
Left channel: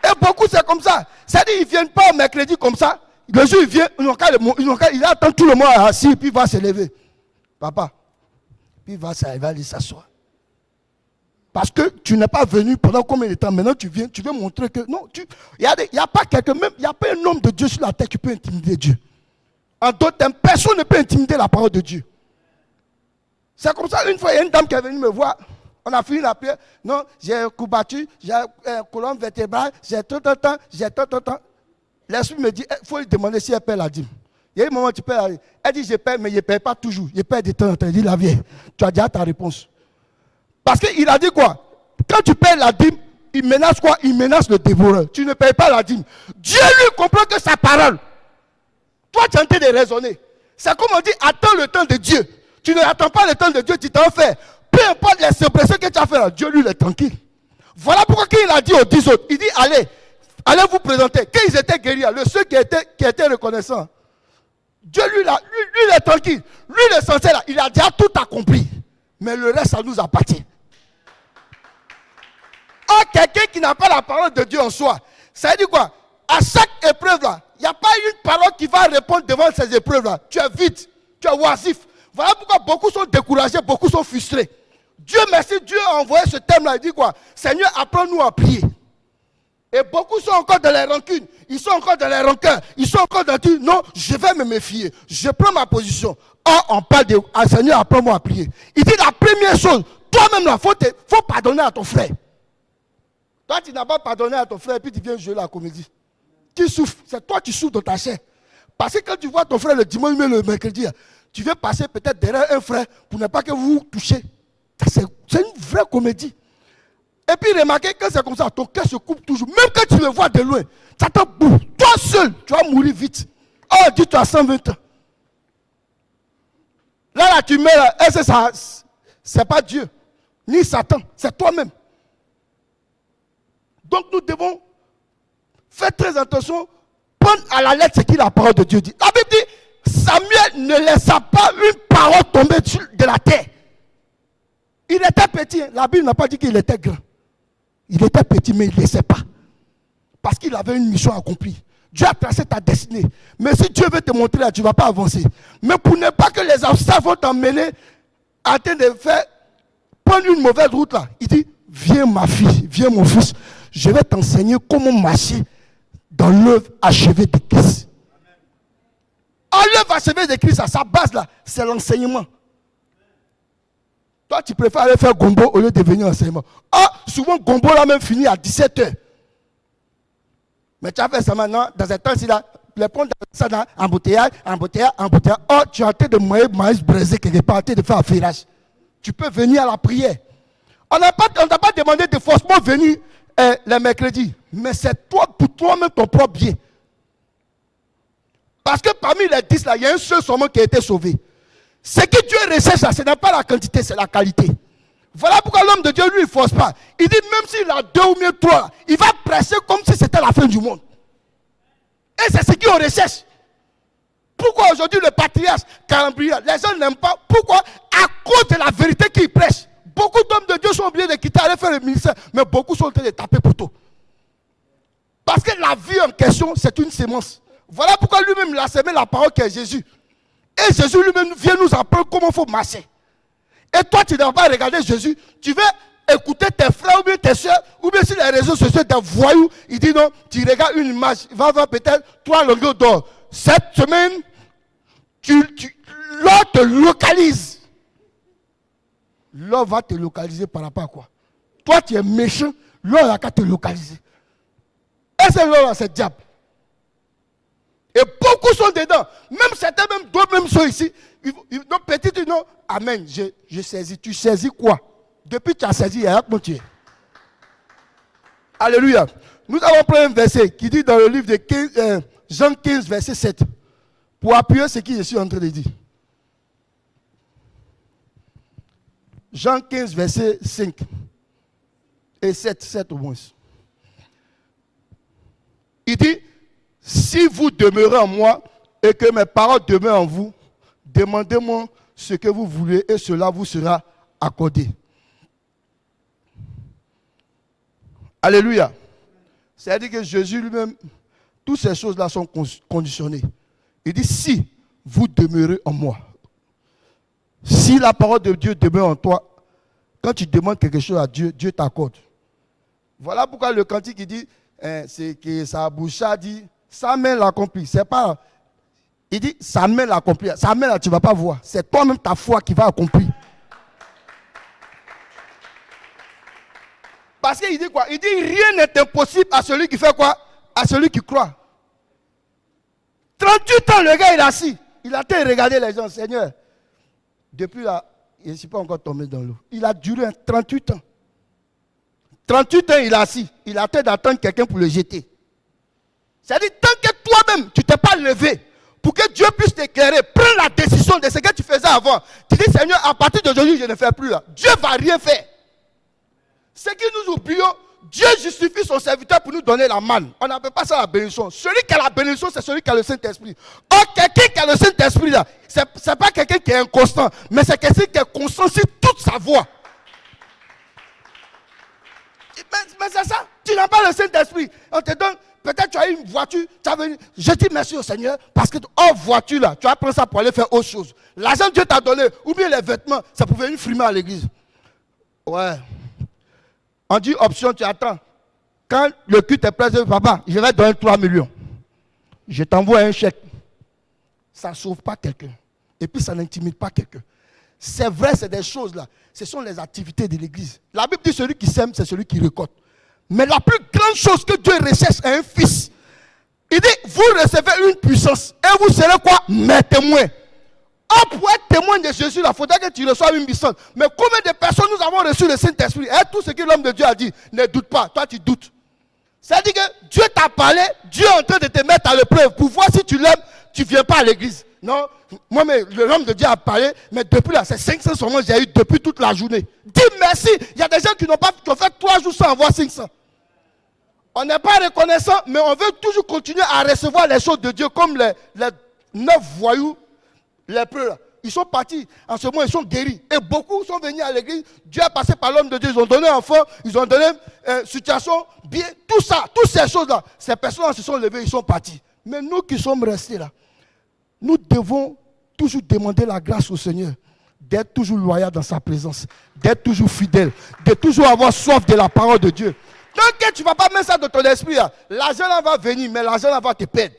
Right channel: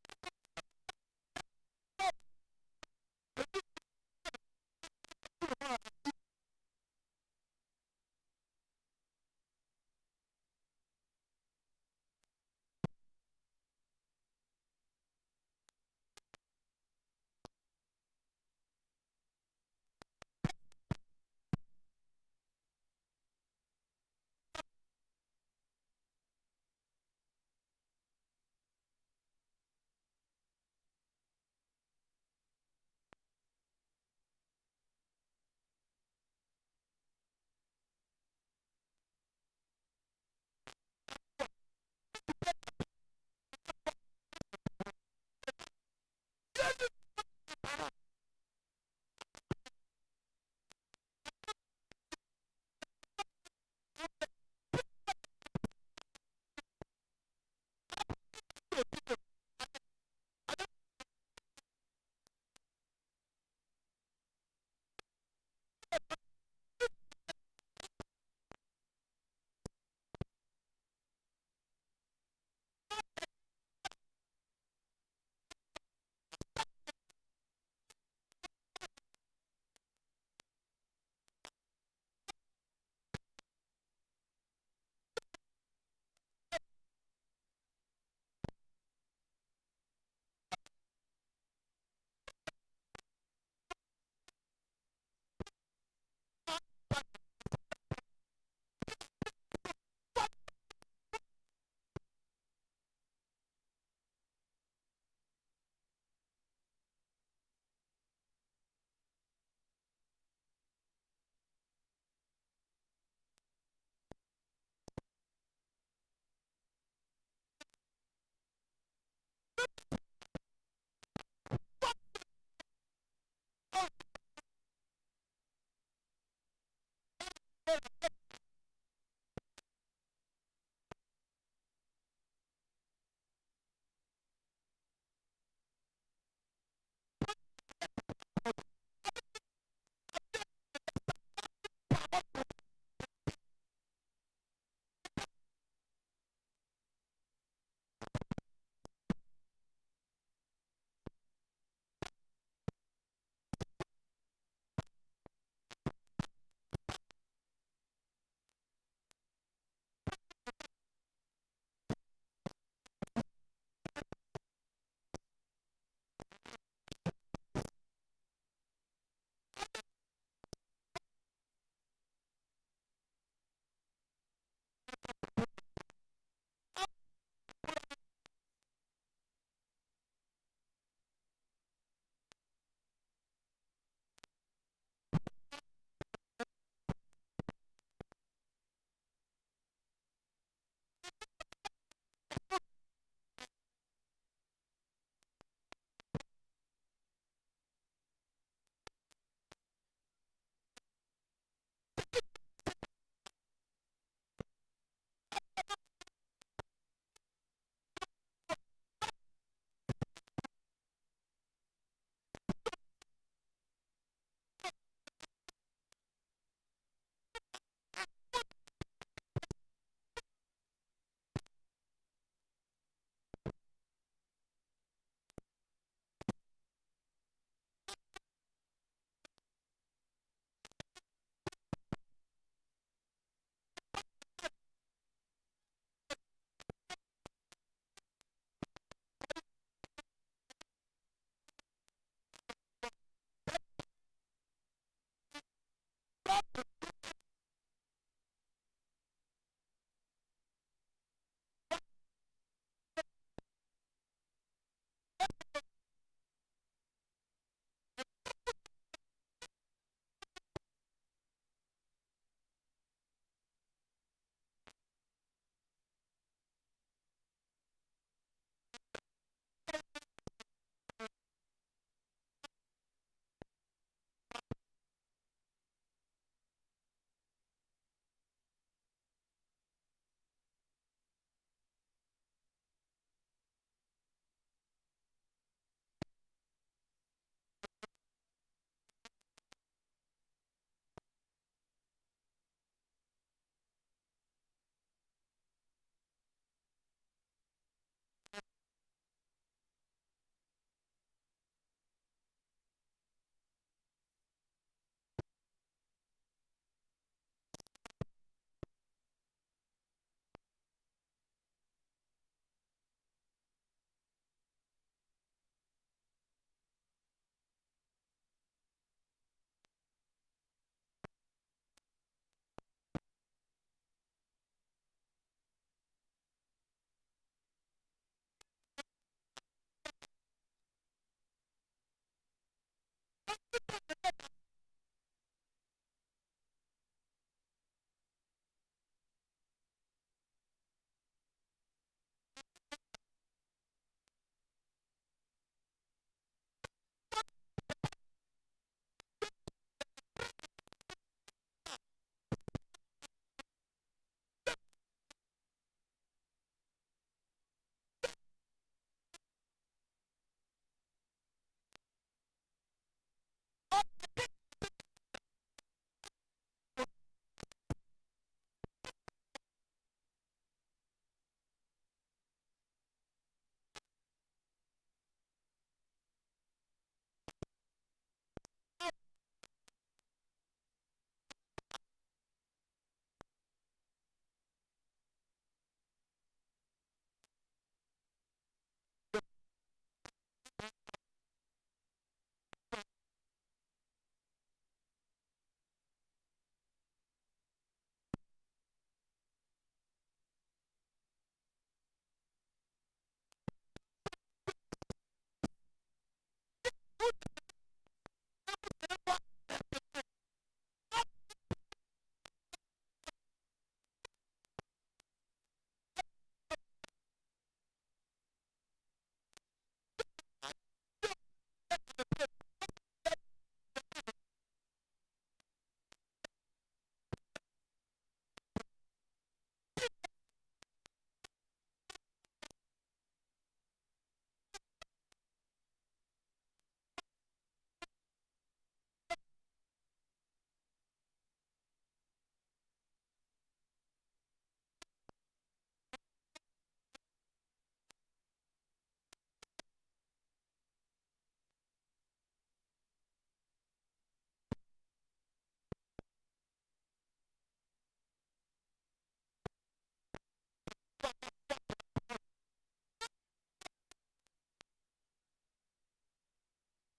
Et beaucoup, c'est comme ça. C'est-à-dire, ils ne viennent pas au mercredi comme ça. Le jour, ils viennent, il attend tout le monde assis, puis il va se lever. Papa, puis il va aller s'asseoir. Parce que tu n'es pas venu pendant combien de temps? Maintenant, tu veux montrer que... Non, il n'y a pas quelqu'un, même, il n'y a pas un homme de Dieu sur la terre qui peut intimider Dieu. En d'autres termes, personne ne peut intimider la parole de Dieu. C'est comme ça, une fois, il y a une dame qui est venue me voir. On a fini la prière. Non, j'ai un coup battu, j'ai un colonne vertébrale, j'ai tout. L'esprit me dit, il faut lui demander si elle paie la dîme. Il y a un moment où tu paies la dîme. Elle dit, je paie, mais je ne paie pas toujours. Je paie de temps en temps. Elle dit, la vieille, tu as déjà ta réponse. Parce qu'il a dit quoi? Quand tu payes la dîme, il menace quoi? Il menace le dévoreur. Tu ne payes pas la dîme. Dieu lui comprend que sa parole. Toi, tu es en train de raisonner. C'est comme on dit, attends le temps de Dieu. Tu n'attends pas le temps de Dieu, tu t'en fais. Peu importe les suppressions que tu as fait là, Dieu lui il est tranquille. Voilà pourquoi il a dit aux 10 autres, il dit allez vous présenter. Quand ils étaient guéris, ceux qui étaient reconnaissants, Dieu lui il est tranquille. Lui il est censé là, il a déjà tout accompli. Mais le reste, ça nous appartient. Or, quelqu'un qui n'a pas la parole de Dieu en soi, ça veut dire quoi? À chaque épreuve là, il n'y a pas une parole qui va répondre devant ces épreuves là. Tu es vide, tu es oisif. Voilà pourquoi beaucoup sont découragés, beaucoup sont frustrés. Dieu merci, Dieu a envoyé ce thème-là. Il dit quoi? Seigneur, apprends-nous à prier. Et beaucoup sont encore dans les rancunes. Ils sont encore dans les rancœurs. Ils sont encore dans tout. Non, je vais me méfier. Je prends ma position. Or, on parle de Seigneur, apprends-moi à prier. Il dit la première chose, toi-même, il faut pardonner à ton frère. Toi, tu n'as pas pardonné à ton frère et puis tu viens jouer la comédie. Qui souffre? C'est toi qui souffres dans ta chair. Parce que quand tu vois ton frère le dimanche, mais le mercredi, tu veux passer peut-être derrière un frère pour ne pas que vous vous touchiez. C'est une vraie comédie. Et puis remarquez que c'est comme ça, ton cœur se coupe toujours. Même quand tu le vois de loin, ça te bouffe. Toi seul, tu vas mourir vite. Oh, dis tu as 120 ans. Là, tu meurs, c'est pas Dieu, ni Satan, c'est toi-même. Donc nous devons faire très attention, prendre à la lettre ce que la parole de Dieu dit. La Bible dit, Samuel ne laissa pas une parole tomber de la terre. Il était petit, la Bible n'a pas dit qu'il était grand. Il était petit, mais il ne laissait pas. Parce qu'il avait une mission accomplie. Dieu a tracé ta destinée. Mais si Dieu veut te montrer là, tu ne vas pas avancer. Mais pour ne pas que les obstacles vont t'emmener en train de prendre une mauvaise route là, il dit, viens ma fille, viens mon fils, je vais t'enseigner comment marcher dans l'œuvre achevée de Christ. L'œuvre achevée de Christ, à sa base là, c'est l'enseignement. Toi, tu préfères aller faire gombo au lieu de venir enseignement. Souvent, gombo là même fini à 17h. Mais tu as fait ça maintenant, dans un temps-ci là, les ponts dans ça là, embouteillage. Tu es en train de maïs braisé quelque part, en train de faire un ferrage. Tu peux venir à la prière. On n'a pas demandé de forcément venir les mercredis. Mais c'est toi, pour toi-même, ton propre bien. Parce que parmi les 10 là, il y a un seul seulement qui a été sauvé. Ce que Dieu recherche là, ce n'est pas la quantité, c'est la qualité. Voilà pourquoi l'homme de Dieu, lui, il ne force pas. Il dit, même s'il a 2 ou mieux 3, il va presser comme si c'était la fin du monde. Et c'est ce qu'on recherche. Pourquoi aujourd'hui le patriarche Calambria, les gens n'aiment pas? Pourquoi? À cause de la vérité qu'il prêche. Beaucoup d'hommes de Dieu sont obligés de quitter, aller faire le ministère, mais beaucoup sont en train de taper poteau. Parce que la vie en question, c'est une sémence. Voilà pourquoi lui-même il a semé la parole qui est Jésus. Et Jésus lui-même vient nous apprendre comment il faut marcher. Et toi, tu ne vas pas regarder Jésus, tu veux écouter tes frères ou bien tes tes soeurs, ou bien sur les réseaux sociaux, des voyous, il dit non, tu regardes une image, il va avoir peut-être 3 longueurs d'or. Cette semaine, l'or te localise. L'or va te localiser par rapport à quoi? Toi, tu es méchant, l'or n'a qu'à te localiser. Et c'est l'or, c'est le diable. Et beaucoup sont dedans. Même certains, même d'autres, même sont ici. Donc, petit, non, amen, je saisis. Tu saisis quoi? Depuis que tu as saisi, il y a un tu es. Alléluia. Nous avons pris un verset qui dit dans le livre de Jean 15, verset 7. Pour appuyer ce que je suis en train de dire. Jean 15, verset 5 et 7 au moins. Il dit, si vous demeurez en moi et que mes paroles demeurent en vous, demandez-moi ce que vous voulez et cela vous sera accordé. Alléluia. C'est-à-dire que Jésus lui-même, toutes ces choses-là sont conditionnées. Il dit, si vous demeurez en moi, si la parole de Dieu demeure en toi, quand tu demandes quelque chose à Dieu, Dieu t'accorde. Voilà pourquoi le cantique il dit, c'est que sa bouche a dit, sa main l'accomplit. C'est pas, il dit, sa main l'accomplit. Sa main là, tu ne vas pas voir. C'est toi-même ta foi qui va accomplir. Parce qu'il dit quoi? Il dit, rien n'est impossible à celui qui fait quoi? À celui qui croit. 38 ans, le gars, il est assis. Il a été regarder les gens, Seigneur. Depuis là, il ne suis pas encore tombé dans l'eau. Il a duré 38 ans. 38 ans, il est assis. Il a été d'attendre quelqu'un pour le jeter. C'est-à-dire, tant que toi-même, tu ne t'es pas levé pour que Dieu puisse t'éclairer, prends la décision de ce que tu faisais avant. Tu dis, Seigneur, à partir d'aujourd'hui, je ne fais plus là. Dieu ne va rien faire. Ce que nous oublions, Dieu justifie son serviteur pour nous donner la manne. On n'appelle pas ça la bénédiction. Celui qui a la bénédiction, c'est celui qui a le Saint-Esprit. Or, quelqu'un qui a le Saint-Esprit, là, ce n'est pas quelqu'un qui est inconstant, mais c'est quelqu'un qui est constant sur toute sa voix. Mais c'est ça, tu n'as pas le Saint-Esprit. On te donne, peut-être tu as une voiture, tu as venu, je dis merci au Seigneur, parce que hors voiture, là, tu vas prendre ça pour aller faire autre chose. L'argent que Dieu t'a donné, ou bien les vêtements, ça pouvait venir frimer à l'église. Ouais. On dit option, tu attends. Quand le culte est prêt, papa, je vais donner 3 millions. Je t'envoie un chèque. Ça ne sauve pas quelqu'un. Et puis ça n'intimide pas quelqu'un. C'est vrai, c'est des choses là. Ce sont les activités de l'église. La Bible dit celui qui sème, c'est celui qui récolte. Mais la plus grande chose que Dieu recherche est un fils. Il dit, vous recevez une puissance. Et vous serez quoi? Mes témoins. Pour être témoin de Jésus, il faudrait que tu reçoives une puissance. Mais combien de personnes nous avons reçu le Saint-Esprit? Et tout ce que l'homme de Dieu a dit, ne doute pas. Toi, tu doutes. C'est-à-dire que Dieu t'a parlé, Dieu est en train de te mettre à l'épreuve pour voir si tu l'aimes, tu ne viens pas à l'église. Non, moi, mais l'homme de Dieu a parlé, mais depuis là, c'est 500 seulement que j'ai eu depuis toute la journée. Dis merci. Il y a des gens qui ont fait 3 jours sans avoir 500. On n'est pas reconnaissant, mais on veut toujours continuer à recevoir les choses de Dieu comme les 9 voyous. Les preux, ils sont partis. En ce moment, ils sont guéris. Et beaucoup sont venus à l'église. Dieu a passé par l'homme de Dieu. Ils ont donné un enfant. Ils ont donné situation. Bien, tout ça, toutes ces choses-là. Ces personnes se sont levées. Ils sont partis. Mais nous qui sommes restés là, nous devons toujours demander la grâce au Seigneur. D'être toujours loyal dans sa présence. D'être toujours fidèle. De toujours avoir soif de la parole de Dieu. Tant que tu ne vas pas mettre ça dans ton esprit, l'argent là va venir, mais l'argent là va te perdre.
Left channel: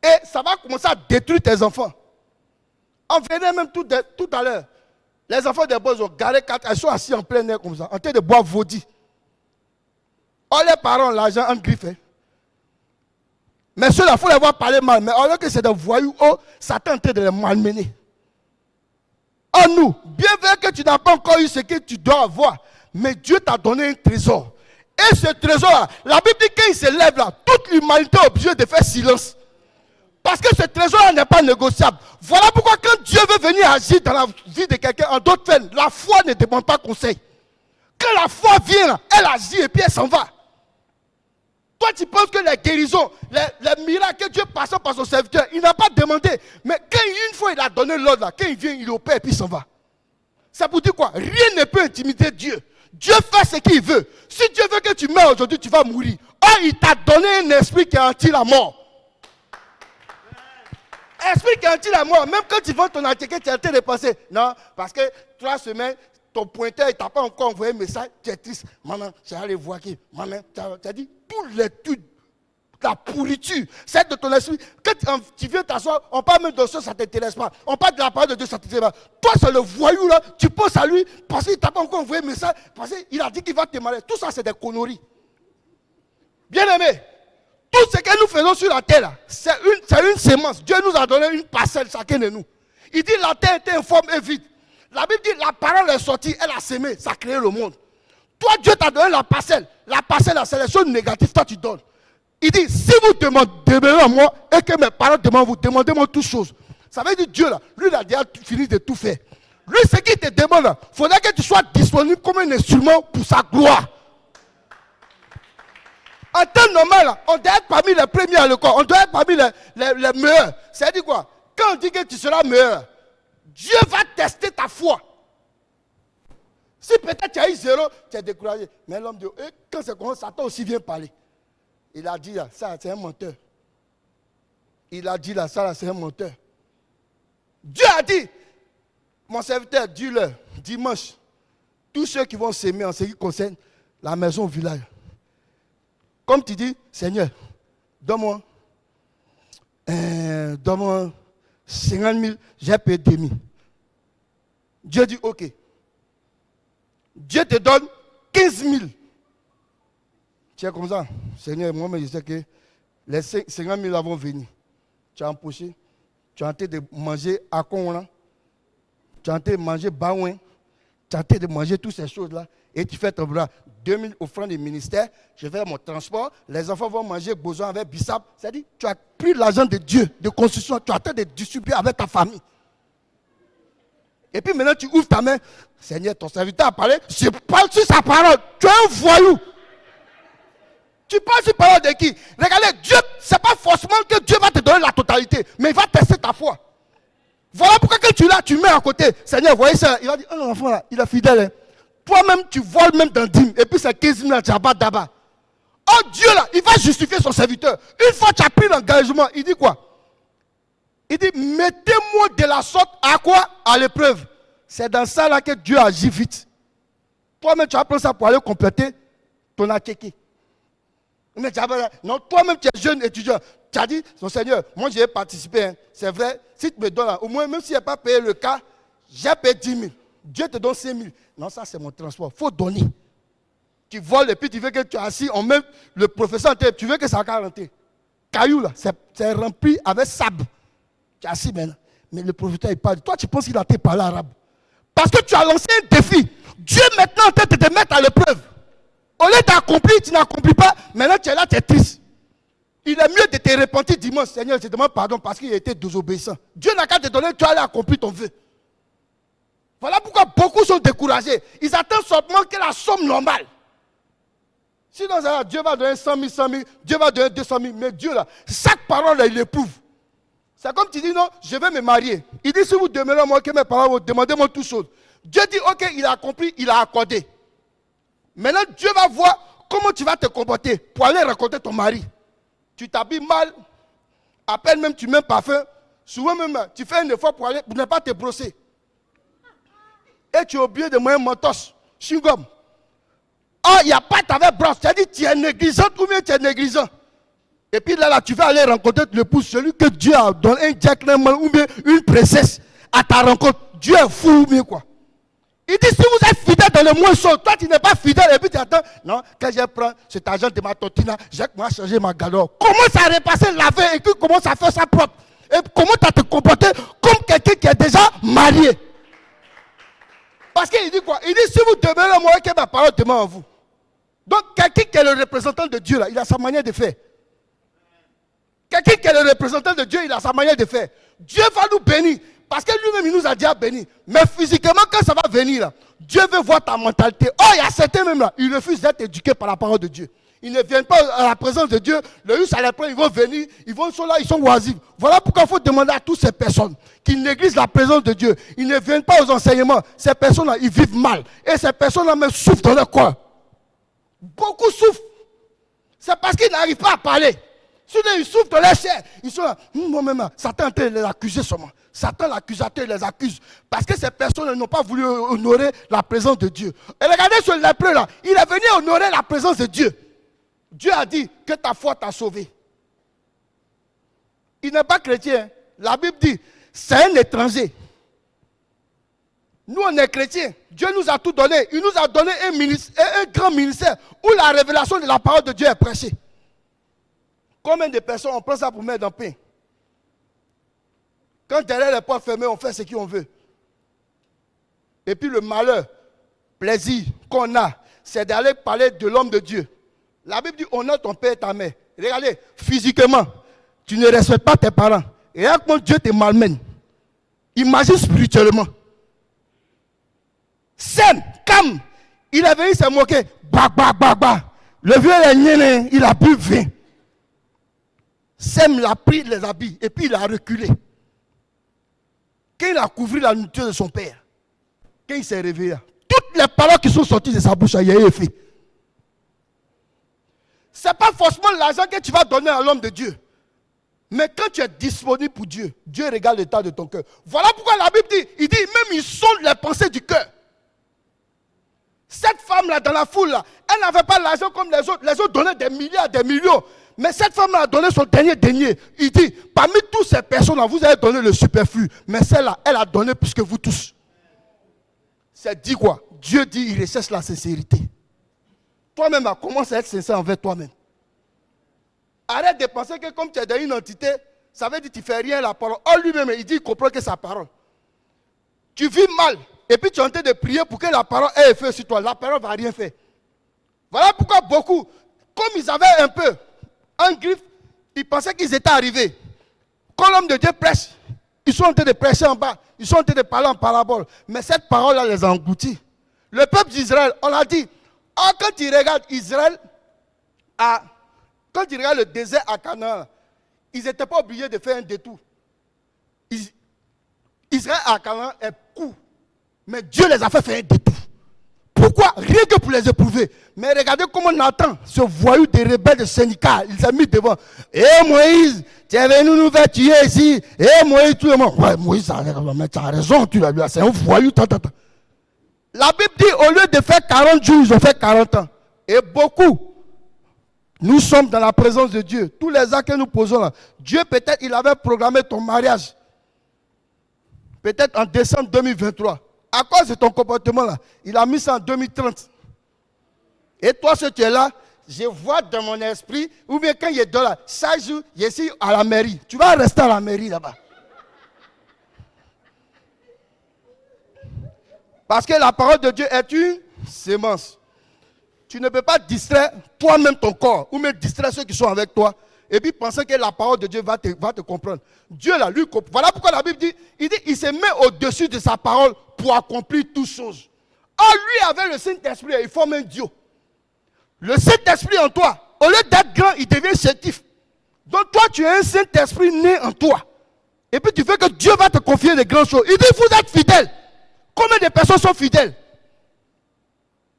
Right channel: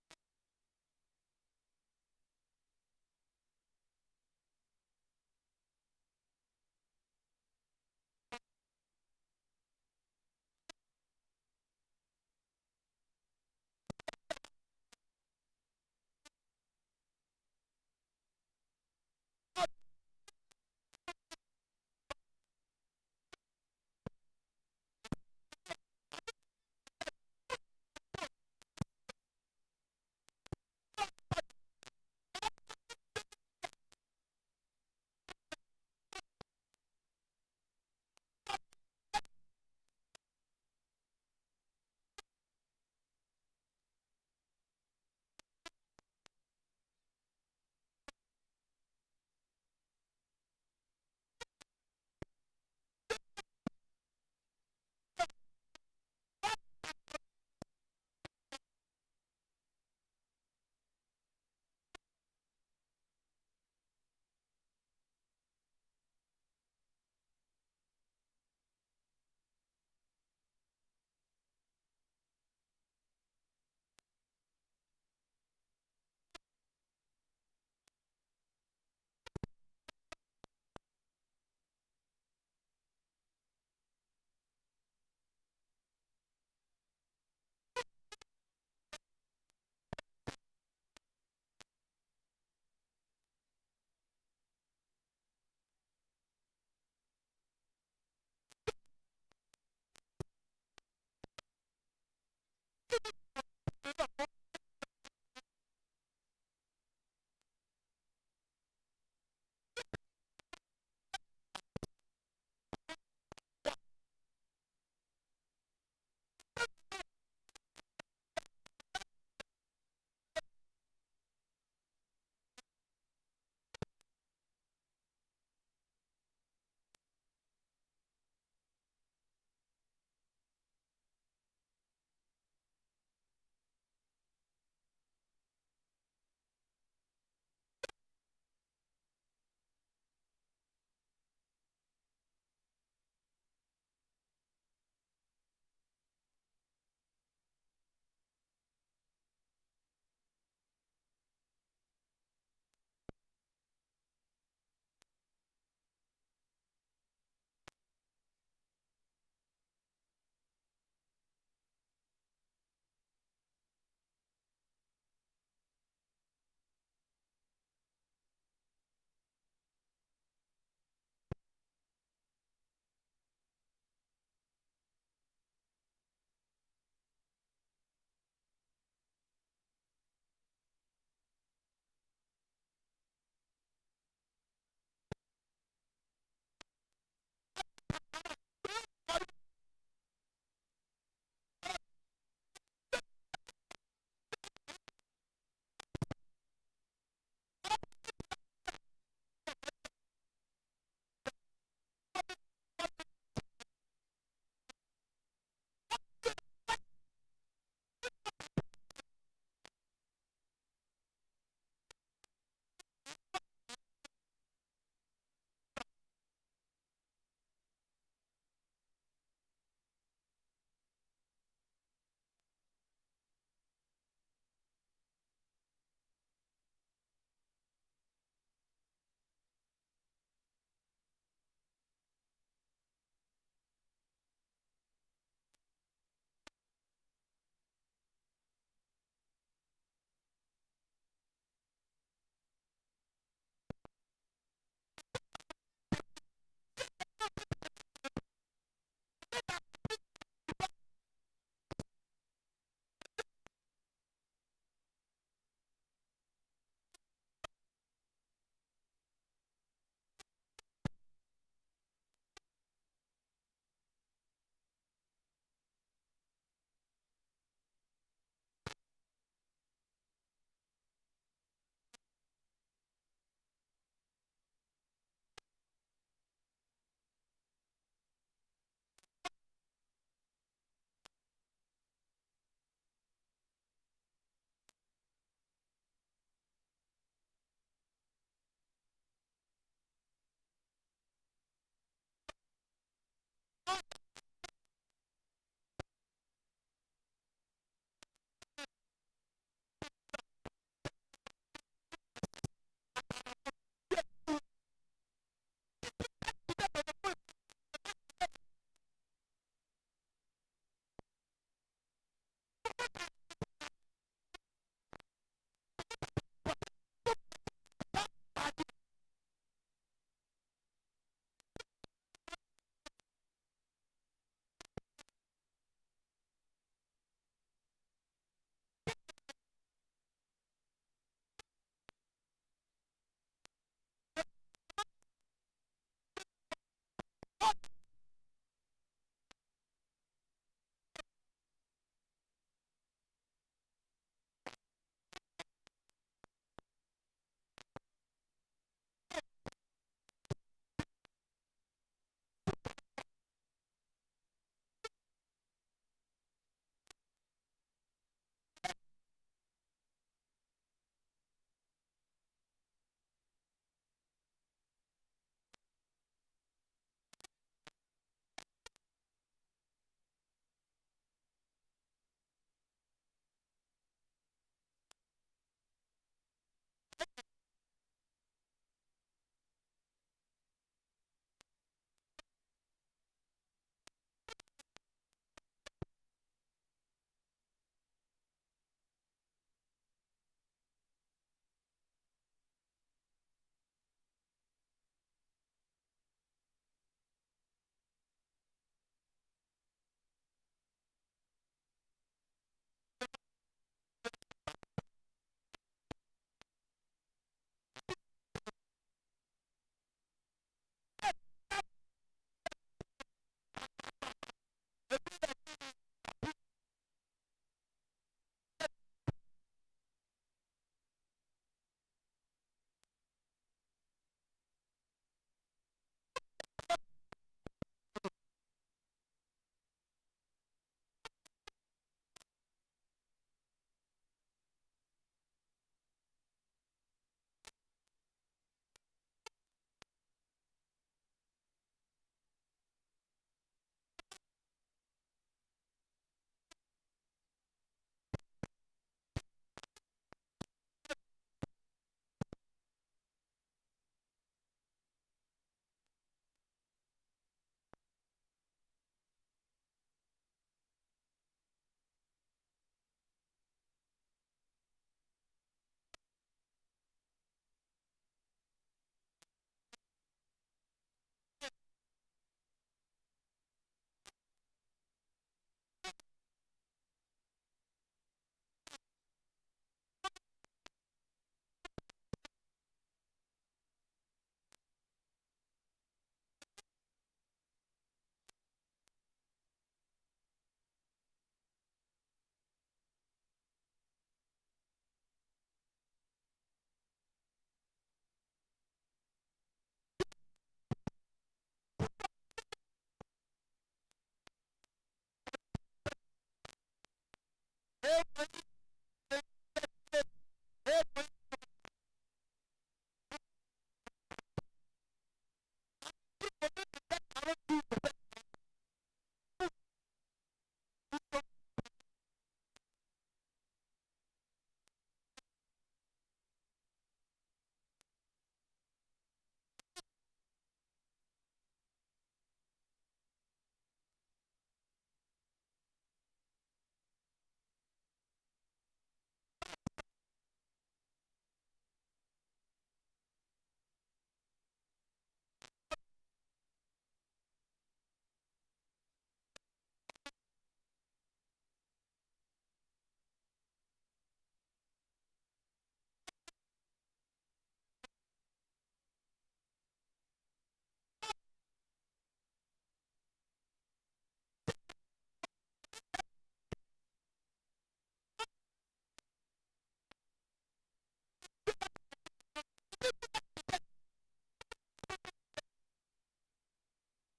Et ça va commencer à détruire tes enfants. On venait même tout à l'heure. Les enfants des bois ont garé 4, ils sont assis en plein air comme ça, en train de boire vaudit. Oh, les parents, l'argent en griffe. Mais ceux-là, il faut les voir parler mal. Mais alors que c'est des voyous, oh, Satan est en train de les malmener. Oh, nous, bien vrai que tu n'as pas encore eu ce que tu dois avoir, mais Dieu t'a donné un trésor. Et ce trésor-là, la Bible dit qu'il se lève là, toute l'humanité est obligée de faire silence. Parce que ce trésor n'est pas négociable. Voilà pourquoi quand Dieu veut venir agir dans la vie de quelqu'un, en d'autres termes, la foi ne demande pas conseil. Quand la foi vient, elle agit et puis elle s'en va. Toi, tu penses que les guérisons, les miracles que Dieu passe par son serviteur, il n'a pas demandé. Mais quand une fois il a donné l'ordre, là, quand il vient, il opère et puis il s'en va. Ça vous dit quoi? Rien ne peut intimider Dieu. Dieu fait ce qu'il veut. Si Dieu veut que tu meurs aujourd'hui, tu vas mourir. Or, il t'a donné un esprit qui anti la mort. Esprit qui anti la mort. Même quand tu vends ton antiquité, tu es en train de penser. Non, parce que 3 semaines, ton pointeur, il t'a pas encore envoyé un message, tu es triste. Maman, j'ai allé voir qui. Maman, tu as dit, tout l'étude, la pourriture, celle de ton esprit. Quand tu viens t'asseoir, on parle même de ça, ça ne t'intéresse pas. On parle de la parole de Dieu, ça ne t'intéresse pas. Toi, c'est le voyou là, tu penses à lui parce qu'il ne t'a pas encore envoyé un message, parce qu'il a dit qu'il va te marier. Tout ça, c'est des conneries. Bien-aimé, tout ce que nous faisons sur la terre, c'est une sémence. Dieu nous a donné une parcelle, chacun de nous. Il dit la terre était informe et vide. La Bible dit la parole est sortie, elle a sémé, ça a créé le monde. Toi, Dieu t'a donné la parcelle. La parcelle, la sélection négative, toi tu donnes. Il dit, si vous demandez à moi et que mes paroles demandent, vous demandez-moi toutes choses. Ça veut dire Dieu là, lui il a déjà fini de tout faire. Lui, ce qu'il te demande là, il faudrait que tu sois disponible comme un instrument pour sa gloire. En temps normal, on doit être parmi les premiers à l'école. On doit être parmi les meilleurs. C'est-à-dire quoi? Quand on dit que tu seras meilleur, Dieu va tester ta foi. Si peut-être tu as eu 0, tu es découragé. Mais l'homme dit, quand c'est comme ça, Satan aussi vient parler. Il a dit là, ça c'est un menteur. Il a dit là, ça c'est un menteur. Dieu a dit, mon serviteur, dis-leur, dimanche, tous ceux qui vont s'aimer en ce qui concerne la maison au village. Comme tu dis, Seigneur, donne-moi 50 000, j'ai payé 2 000. Dieu dit, ok. Dieu te donne 15 000. Tu es comme ça, Seigneur, moi, je sais que les 50 000 vont venir. Tu as empoché, tu as en train de manger à Kongola, tu as en train de manger Baouin, tu as en train de manger toutes ces choses-là, et tu fais ton bras. 2 000 offrandes du ministère, je fais mon transport, les enfants vont manger besoin avec Bissap. C'est-à-dire, tu as pris l'argent de Dieu, de construction, tu as en train de distribuer avec ta famille. Et puis maintenant, tu ouvres ta main. Seigneur, ton serviteur a parlé, je parle sur sa parole. Tu es un voyou. Tu parles sur la parole de qui? Regardez, Dieu, ce n'est pas forcément que Dieu va te donner la totalité, mais il va tester ta foi. Voilà pourquoi quand tu l'as, tu mets à côté. Seigneur, voyez ça. Il va dire, oh l'enfant là, il est fidèle. Hein. Toi-même, tu voles même dans 10 000. Et puis c'est 15 000 là, tu as pas d'abord. Oh Dieu là, il va justifier son serviteur. Une fois que tu as pris l'engagement, il dit quoi? Il dit, mettez-moi de la sorte à quoi? À l'épreuve. C'est dans ça là que Dieu agit vite. Toi-même, tu vas prendre ça pour aller compléter ton akéké. Mais non, toi-même, tu es jeune étudiant. Tu as dit, non Seigneur, moi j'ai participé. Hein. C'est vrai, si tu me donnes, au moins, même si je n'ai pas payé le cas, j'ai payé 10 000. Dieu te donne 5 000. Non, ça c'est mon transport. Il faut donner. Tu voles et puis tu veux que tu es assis, on met le professeur en tête, tu veux que ça va rentrer. Caillou là, c'est rempli avec sable. Tu es assis maintenant. Mais le professeur il parle. Toi, tu penses qu'il a été parlé arabe. Parce que tu as lancé un défi. Dieu maintenant en train de te mettre à l'épreuve. Au lieu d'accomplir, tu n'accomplis pas. Maintenant, tu es là, tu es triste. Il est mieux de te repentir dimanche. Seigneur, je te demande pardon parce qu'il a été désobéissant. Dieu n'a qu'à te donner, tu allais accomplir ton vœu. Voilà pourquoi beaucoup sont découragés. Ils attendent seulement que la somme normale. Sinon, Dieu va donner 100 000, 100 000, Dieu va donner 200 000. Mais Dieu, là, chaque parole, là, il éprouve. C'est comme tu dis, non, je vais me marier. Il dit, si vous demandez à moi que mes paroles, vous demandez-moi toutes choses. Dieu dit, ok, il a accompli, il a accordé. Maintenant, Dieu va voir comment tu vas te comporter pour aller rencontrer ton mari. Tu t'habilles mal, à peine même tu mets un parfum. Souvent même, tu fais un effort pour ne pas te brosser. Et tu as oublié de moyen mentos, chewing-gum. Oh, il n'y a pas ta brosse. Tu as dit, tu es négligente ou bien tu es négligent. Et puis là, tu vas aller rencontrer l'épouse, celui que Dieu a donné un gentleman ou bien une princesse à ta rencontre. Dieu est fou ou bien quoi. Il dit, si vous êtes fidèle dans le moins chaud, toi tu n'es pas fidèle et puis tu attends. Non, quand je prends cet argent de ma tontine, j'ai changer ma galère. Commence à repasser laver et puis commence à faire ça propre. Et comment tu as te comporter comme quelqu'un qui est déjà marié. Parce qu'il dit quoi? Il dit, si vous demeurez à moi, que ma parole demeure en vous. Donc, quelqu'un qui est le représentant de Dieu, là, il a sa manière de faire. Quelqu'un qui est le représentant de Dieu, il a sa manière de faire. Dieu va nous bénir. Parce que lui-même, il nous a déjà bénis. Mais physiquement, quand ça va venir, là, Dieu veut voir ta mentalité. Oh, il y a certains même là, ils refusent d'être éduqués par la parole de Dieu. Ils ne viennent pas à la présence de Dieu. Le ça les prend, ils vont venir, ils sont là, ils sont oisifs. Voilà pourquoi il faut demander à toutes ces personnes qui négligent la présence de Dieu. Ils ne viennent pas aux enseignements. Ces personnes-là, ils vivent mal. Et ces personnes-là même souffrent dans leur corps. Beaucoup souffrent. C'est parce qu'ils n'arrivent pas à parler. Sinon, ils souffrent dans leur chair. Ils sont là, moi-même, Satan est en train de l'accuser seulement. Satan, l'accusateur, les accuse. Parce que ces personnes n'ont pas voulu honorer la présence de Dieu. Et regardez ce lépreux là, il est venu honorer la présence de Dieu. Dieu a dit que ta foi t'a sauvé. Il n'est pas chrétien. La Bible dit, c'est un étranger. Nous, on est chrétiens. Dieu nous a tout donné. Il nous a donné un grand ministère où la révélation de la parole de Dieu est prêchée. Combien de personnes on prend ça pour mettre dans le pain? Quand derrière les portes fermées, on fait ce qu'on veut. Et puis le malheur, plaisir qu'on a, c'est d'aller parler de l'homme de Dieu. La Bible dit, honore ton père et ta mère. Regardez, physiquement, tu ne respectes pas tes parents. Et regarde comment Dieu te malmène. Imagine spirituellement. Sem, Cam, il est venu se moquer. Bah, bah, bah, bah. Le vieux, il a bu vin. Sem l'a pris les habits et puis il a reculé. Quand il a couvert la nourriture de son père, quand il s'est réveillé, toutes les paroles qui sont sorties de sa bouche, il y a eu effet. Ce n'est pas forcément l'argent que tu vas donner à l'homme de Dieu. Mais quand tu es disponible pour Dieu, Dieu regarde l'état de ton cœur. Voilà pourquoi la Bible dit, il dit même il sonde les pensées du cœur. Cette femme-là, dans la foule-là, elle n'avait pas l'argent comme les autres. Les autres donnaient des milliards, des millions. Mais cette femme-là a donné son dernier denier. Il dit, parmi toutes ces personnes-là, vous avez donné le superflu. Mais celle-là, elle a donné plus que vous tous. C'est dit quoi? Dieu dit, il recherche la sincérité. Toi-même, commence à être sincère envers toi-même. Arrête de penser que comme tu es dans une entité, ça veut dire que tu ne fais rien à la parole. Oh, lui-même, il dit, il comprend que sa parole. Tu vis mal. Et puis tu es en train de prier pour que la parole ait effet sur toi. La parole ne va rien faire. Voilà pourquoi beaucoup, comme ils avaient un peu un griffe, ils pensaient qu'ils étaient arrivés. Quand l'homme de Dieu prêche, ils sont en train de prêcher en bas. Ils sont en train de parler en parabole. Mais cette parole-là les a engloutis. Le peuple d'Israël, on l'a dit, quand tu regardes Israël, quand tu regardes le désert à Canaan, ils n'étaient pas obligés de faire un détour. Israël à Canaan est court. Mais Dieu les a fait faire un détour. Pourquoi? Rien que pour les éprouver. Mais regardez comment Nathan, ce voyou des rebelles de syndicat, il s'est mis devant. Moïse, tu es venu nous faire tuer ici. Moïse, tout le monde. Ouais, Moïse, tu as raison, tu l'as vu. C'est un voyou. La Bible dit, au lieu de faire 40 jours, ils ont fait 40 ans. Et beaucoup, nous sommes dans la présence de Dieu. Tous les actes que nous posons là, Dieu peut-être, il avait programmé ton mariage. Peut-être en décembre 2023. À cause de ton comportement là, il a mis ça en 2030. Et toi, si tu es là, je vois dans mon esprit, ou bien quand il est là, chaque jour, je suis à la mairie. Tu vas rester à la mairie là-bas. Parce que la parole de Dieu est une sémence. Tu ne peux pas distraire toi-même ton corps, ou même distraire ceux qui sont avec toi, et puis penser que la parole de Dieu va te comprendre. Dieu là, lui, voilà pourquoi la Bible dit, il se met au-dessus de sa parole pour accomplir toutes choses. Or, lui avait le Saint-Esprit, il forme un Dieu. Le Saint-Esprit en toi, au lieu d'être grand, il devient chétif. Donc toi, tu es un Saint-Esprit né en toi. Et puis tu veux que Dieu va te confier des grandes choses. Il dit, vous êtes fidèles. Combien de personnes sont fidèles?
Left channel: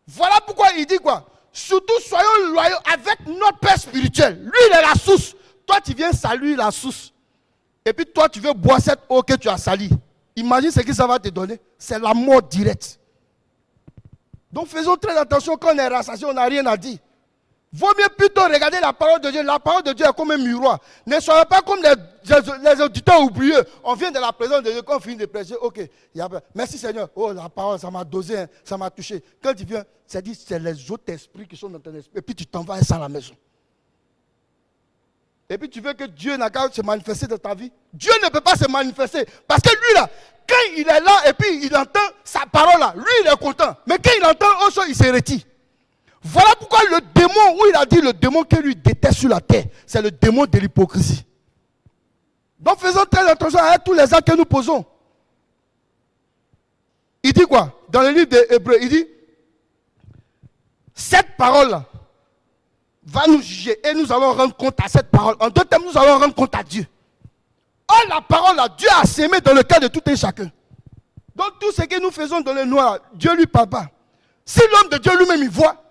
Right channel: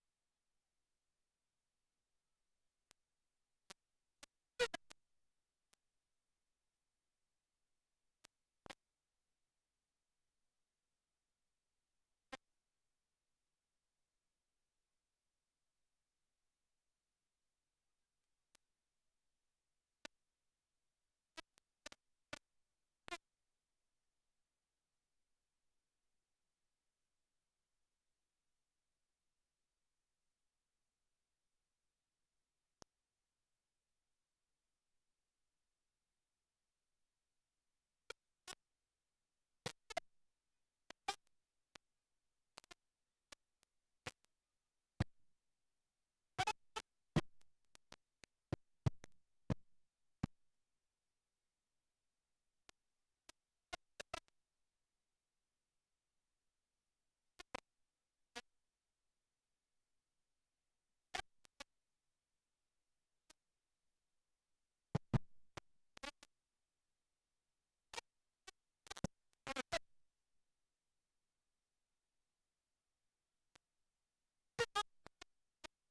Voilà pourquoi il dit quoi? Surtout soyons loyaux avec notre Père spirituel. Lui, il est la source. Toi, tu viens saluer la source. Et puis toi, tu veux boire cette eau que tu as salie. Imagine ce que ça va te donner. C'est la mort directe. Donc faisons très attention quand on est rassasié, on n'a rien à dire. Vaut mieux plutôt regarder la parole de Dieu. La parole de Dieu est comme un miroir. Ne soyez pas comme les auditeurs oublieux. On vient de la présence de Dieu, quand on finit de prêcher, ok, merci Seigneur. Oh, la parole, ça m'a dosé, hein, ça m'a touché. Quand tu viens, c'est les autres esprits qui sont dans ton esprit. Et puis tu t'en vas à la maison. Et puis tu veux que Dieu n'a qu'à se manifester dans ta vie. Dieu ne peut pas se manifester. Parce que lui là, quand il est là et puis il entend sa parole là, lui il est content. Mais quand il entend autre chose, il se retire. Voilà pourquoi le démon, où il a dit le démon que lui déteste sur la terre, c'est le démon de l'hypocrisie. Donc faisons très attention à tous les actes que nous posons. Il dit quoi? Dans le livre des Hébreux, il dit, cette parole-là va nous juger et nous allons rendre compte à cette parole. En deux termes, nous allons rendre compte à Dieu. Or, la parole, là, Dieu a sémé dans le cœur de tout un chacun. Donc, tout ce que nous faisons dans le noir, Dieu lui parle pas. Si l'homme de Dieu lui-même, il voit,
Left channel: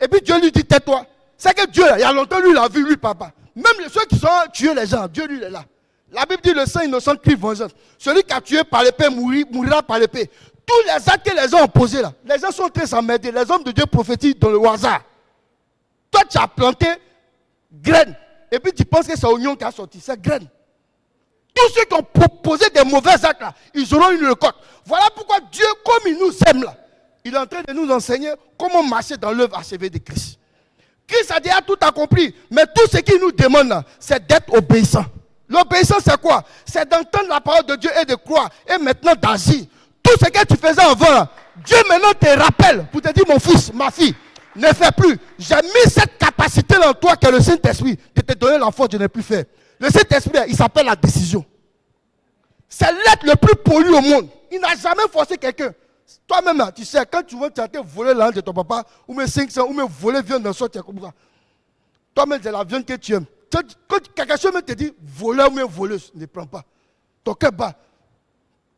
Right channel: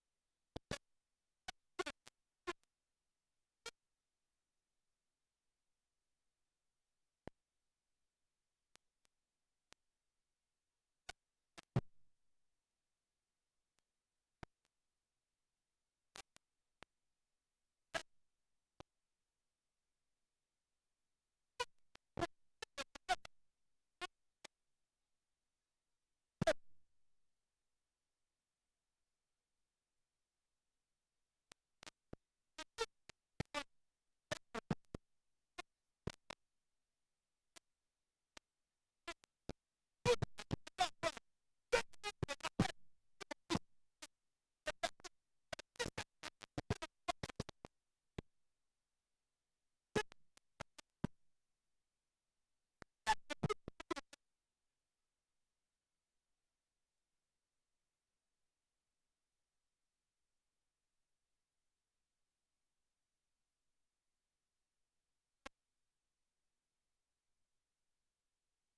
et puis Dieu lui dit, tais-toi. C'est que Dieu, il y a longtemps, lui, il a vu, lui, papa. Même ceux qui sont tués les gens, Dieu, lui, il est là. La Bible dit le sang innocent crie vengeance. Celui qui a tué par l'épée mourira par l'épée. Tous les actes que les gens ont posés là, les gens sont très s'emmerder. Les hommes de Dieu prophétisent dans le hasard. Toi, tu as planté graines. Et puis tu penses que c'est oignon qui a sorti. C'est graines. Tous ceux qui ont proposé des mauvais actes là, ils auront une récolte. Voilà pourquoi Dieu, comme il nous aime là, il est en train de nous enseigner comment marcher dans l'œuvre achevée de Christ. Christ a déjà tout accompli. Mais tout ce qu'il nous demande là, c'est d'être obéissant. L'obéissance, c'est quoi? C'est d'entendre la parole de Dieu et de croire. Et maintenant d'agir. Tout ce que tu faisais avant, là, Dieu maintenant te rappelle pour te dire, mon fils, ma fille, ne fais plus. J'ai mis cette capacité en toi que le Saint-Esprit de te donner la force de ne plus faire. Le Saint-Esprit, il s'appelle la décision. C'est l'être le plus poli au monde. Il n'a jamais forcé quelqu'un. Toi-même, tu sais, quand tu veux tenter voler l'argent de ton papa, ou mes 500, ou mes voler viande d'un sort, tu es comme ça. Toi-même, c'est la viande que tu aimes. Quand quelqu'un te dit voleur ou voleuse, ne prends pas. Ton cœur bat.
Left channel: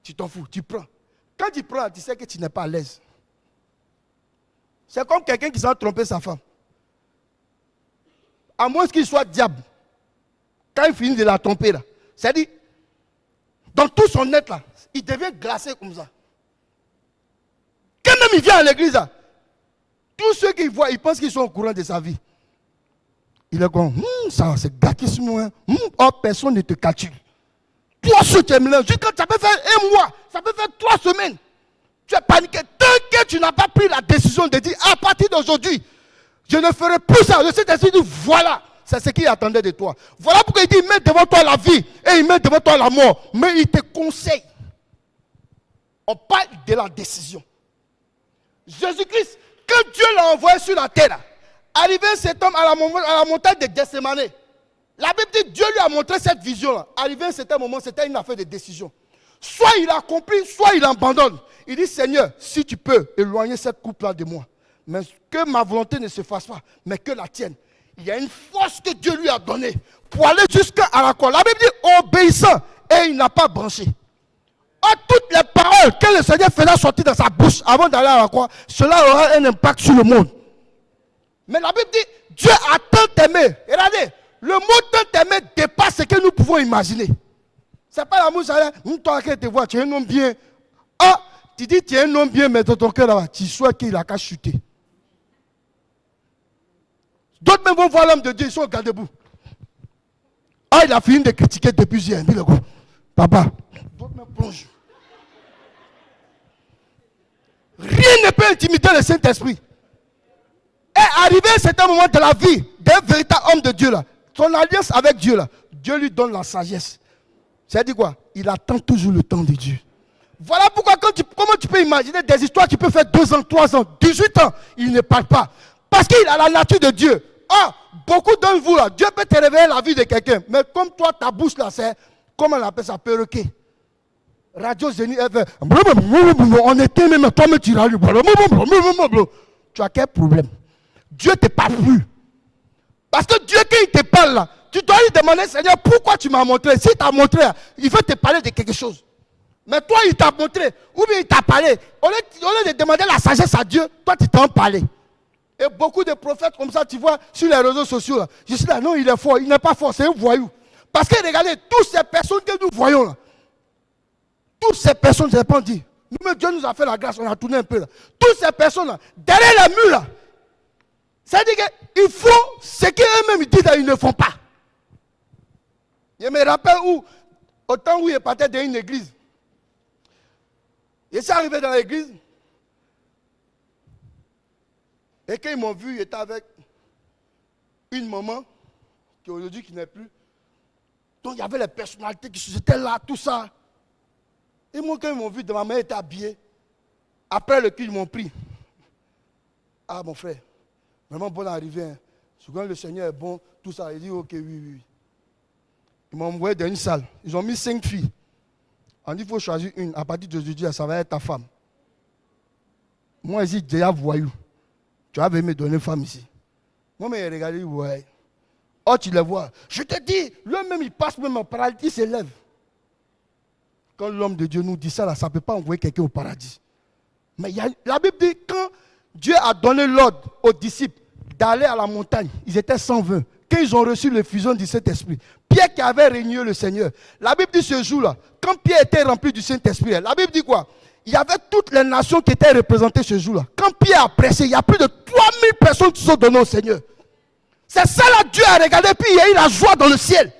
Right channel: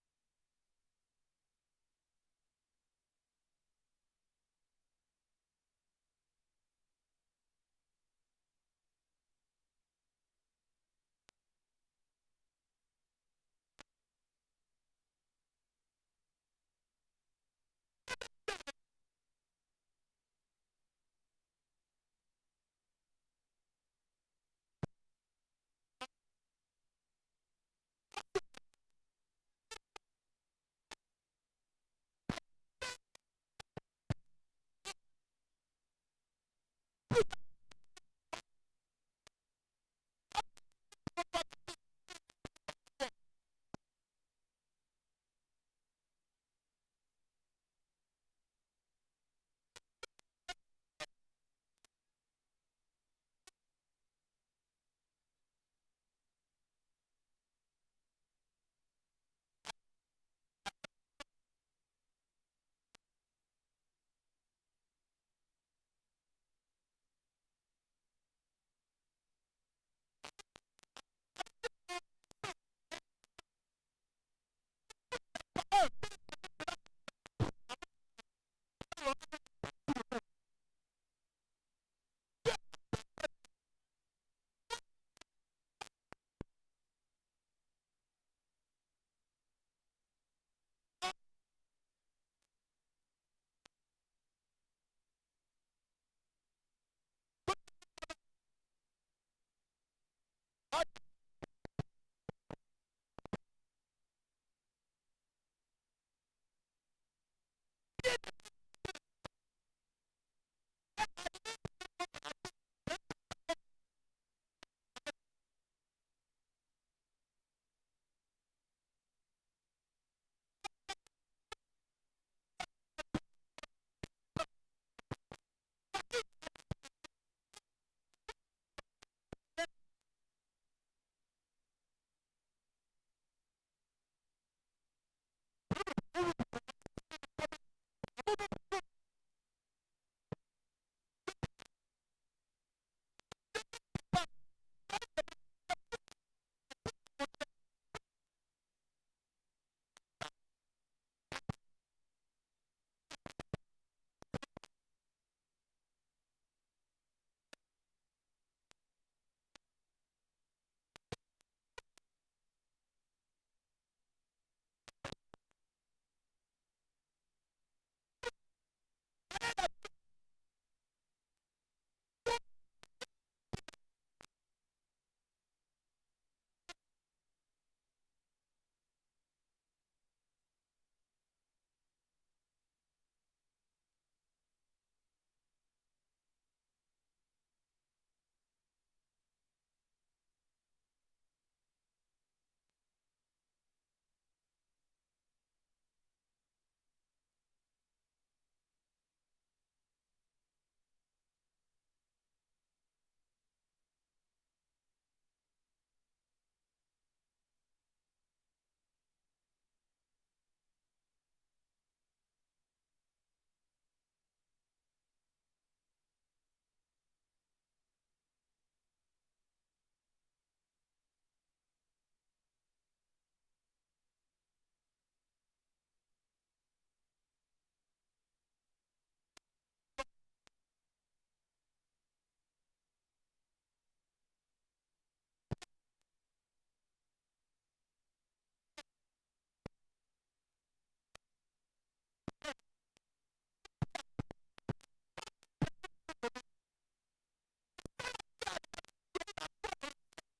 Tu t'en fous, tu prends. Quand tu prends, tu sais que tu n'es pas à l'aise. C'est comme quelqu'un qui s'est trompé sa femme. À moins qu'il soit diable. Quand il finit de la tromper, là, c'est-à-dire, dans tout son être, là, il devient glacé comme ça. Quand même il vient à l'église, là, tous ceux qu'il voit, ils pensent qu'ils sont au courant de sa vie. Il est comme, ça, c'est gâtissement. Oh, personne ne te calcule. Toi, ce que tu es mélangé, quand ça peut faire un mois, ça peut faire 3 semaines. Tu es paniqué. Tant que tu n'as pas pris la décision de dire, à partir d'aujourd'hui, je ne ferai plus ça. Le Saint-Esprit dit, voilà, c'est ce qu'il attendait de toi. Voilà pourquoi il dit, il met devant toi la vie et il met devant toi la mort. Mais il te conseille. On parle de la décision. Jésus-Christ, quand Dieu l'a envoyé sur la terre, arrivé cet homme à la montagne de Gethsémane, la Bible dit Dieu lui a montré cette vision-là. Arrivé à un certain moment, c'était une affaire de décision. Soit il accomplit, soit il abandonne. Il dit, Seigneur, si tu peux éloigner cette coupe-là de moi, mais que ma volonté ne se fasse pas, mais que la tienne. Il y a une force que Dieu lui a donnée pour aller jusqu'à la croix. La Bible dit, obéissant, et il n'a pas branché. Toutes les paroles que le Seigneur faisait sortir dans sa bouche avant d'aller à la croix, cela aura un impact sur le monde. Mais la Bible dit, Dieu a tant aimé. Regardez, le mot tant aimé dépasse ce que nous pouvons imaginer. Ce n'est pas l'amour, ça toi qui te vois, tu es un homme bien. Ah, tu dis tu es un homme bien, mais dans ton cœur là-bas, tu souhaites qu'il a qu'à chuter. D'autres même vont voir l'homme de Dieu, ils sont au garde-boue. Ah, il a fini de critiquer depuis hier. Il dit, papa, d'autres même plongent. Rien ne peut intimider le Saint-Esprit. Et arrivé à un certain moment de la vie d'un véritable homme de Dieu là, son alliance avec Dieu là, Dieu lui donne la sagesse. C'est-à-dire quoi? Il attend toujours le temps de Dieu. Voilà pourquoi comment tu peux imaginer des histoires qui peuvent faire 2 ans, 3 ans, 18 ans, il ne parle pas. Parce qu'il a la nature de Dieu. Ah, beaucoup d'entre vous là, Dieu peut te révéler la vie de quelqu'un. Mais comme toi, ta bouche là, c'est, comment on appelle ça, perroquet. Radio Zénith, on était même, toi-même tu râles. Tu as quel problème? Dieu ne te parle plus. Parce que Dieu, quand il te parle là, tu dois lui demander, Seigneur, pourquoi tu m'as montré? S'il t'a montré, il veut te parler de quelque chose. Mais toi, il t'a montré, ou bien il t'a parlé. Au lieu de demander la sagesse à Dieu, toi, tu t'en parlé. Et beaucoup de prophètes comme ça, tu vois, sur les réseaux sociaux, là, je suis là, non, il est fort, il n'est pas fort, c'est un voyou. Parce que regardez, toutes ces personnes que nous voyons là, toutes ces personnes, je n'ai pas dit, nous, Dieu nous a fait la grâce, on a tourné un peu là. Toutes ces personnes-là, derrière les murs là, c'est-à-dire qu'ils font ce qu'eux-mêmes disent, ils ne font pas. Je me rappelle au temps où il partait dans une église, il s'est arrivé dans l'église, et quand ils m'ont vu, il était avec une maman, qui aujourd'hui qui n'est plus. Donc il y avait les personnalités qui étaient là, tout ça. Et moi, quand ils m'ont vu, ma mère était habillée. Après le culte, ils m'ont pris. Ah, mon frère, vraiment bonne arrivée. Hein. Souvent, le Seigneur est bon, tout ça. Il dit, ok, oui. Ils m'ont envoyé dans une salle. Ils ont mis 5 filles. On dit, il faut choisir une. À partir d'aujourd'hui, ça va être ta femme. Moi, ici, déjà voyou. Tu avais me donner une femme ici. Moi, mais regardez, ouais. Oh, tu les vois. Je te dis, lui-même, il passe même au paradis, il s'élève. Quand l'homme de Dieu nous dit ça, là, ça ne peut pas envoyer quelqu'un au paradis. Mais la Bible dit, quand Dieu a donné l'ordre aux disciples d'aller à la montagne, ils étaient 120. quand ils ont reçu l'effusion du Saint-Esprit. Pierre qui avait régné le Seigneur. La Bible dit ce jour-là, quand Pierre était rempli du Saint-Esprit, la Bible dit quoi? Il y avait toutes les nations qui étaient représentées ce jour-là. Quand Pierre a prêché, il y a plus de 3000 personnes qui sont données au Seigneur. C'est ça là, Dieu a regardé, puis il y a eu la joie dans le ciel.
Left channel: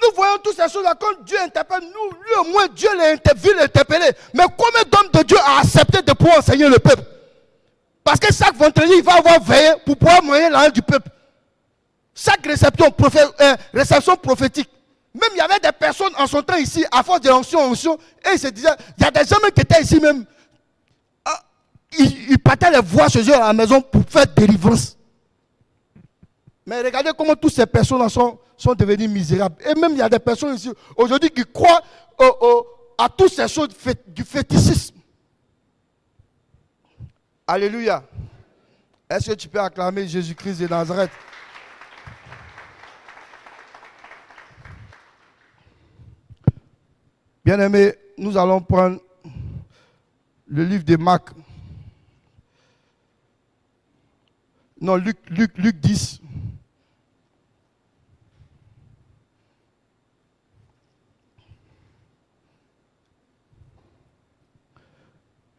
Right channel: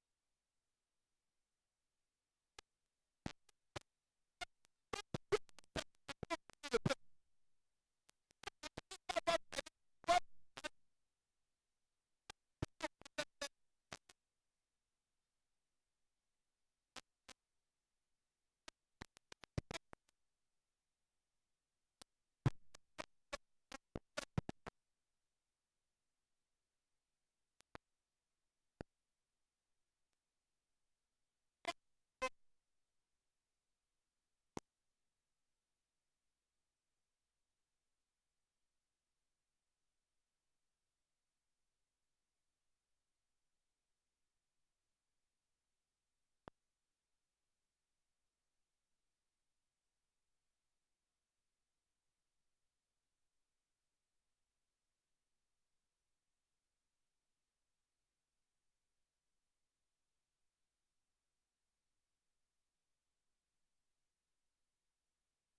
Nous voyons toutes ces choses-là, quand Dieu interpelle, nous, lui au moins, Dieu l'a interpellé. Mais combien d'hommes de Dieu a accepté de pouvoir enseigner le peuple? Parce que chaque vendredi, il va avoir veillé pour pouvoir moyenner la haine du peuple. Chaque réception prophétique. Même il y avait des personnes en son temps ici, à force de onction, et ils se disaient, il y a des hommes qui étaient ici même, ils partaient les voix chez eux à la maison pour faire délivrance. Mais regardez comment toutes ces personnes sont devenues misérables. Et même il y a des personnes ici aujourd'hui qui croient à toutes ces choses du fétichisme. Alléluia. Est-ce que tu peux acclamer Jésus-Christ de Nazareth? Bien-aimés, nous allons prendre le livre de Marc. Non, Luc 10.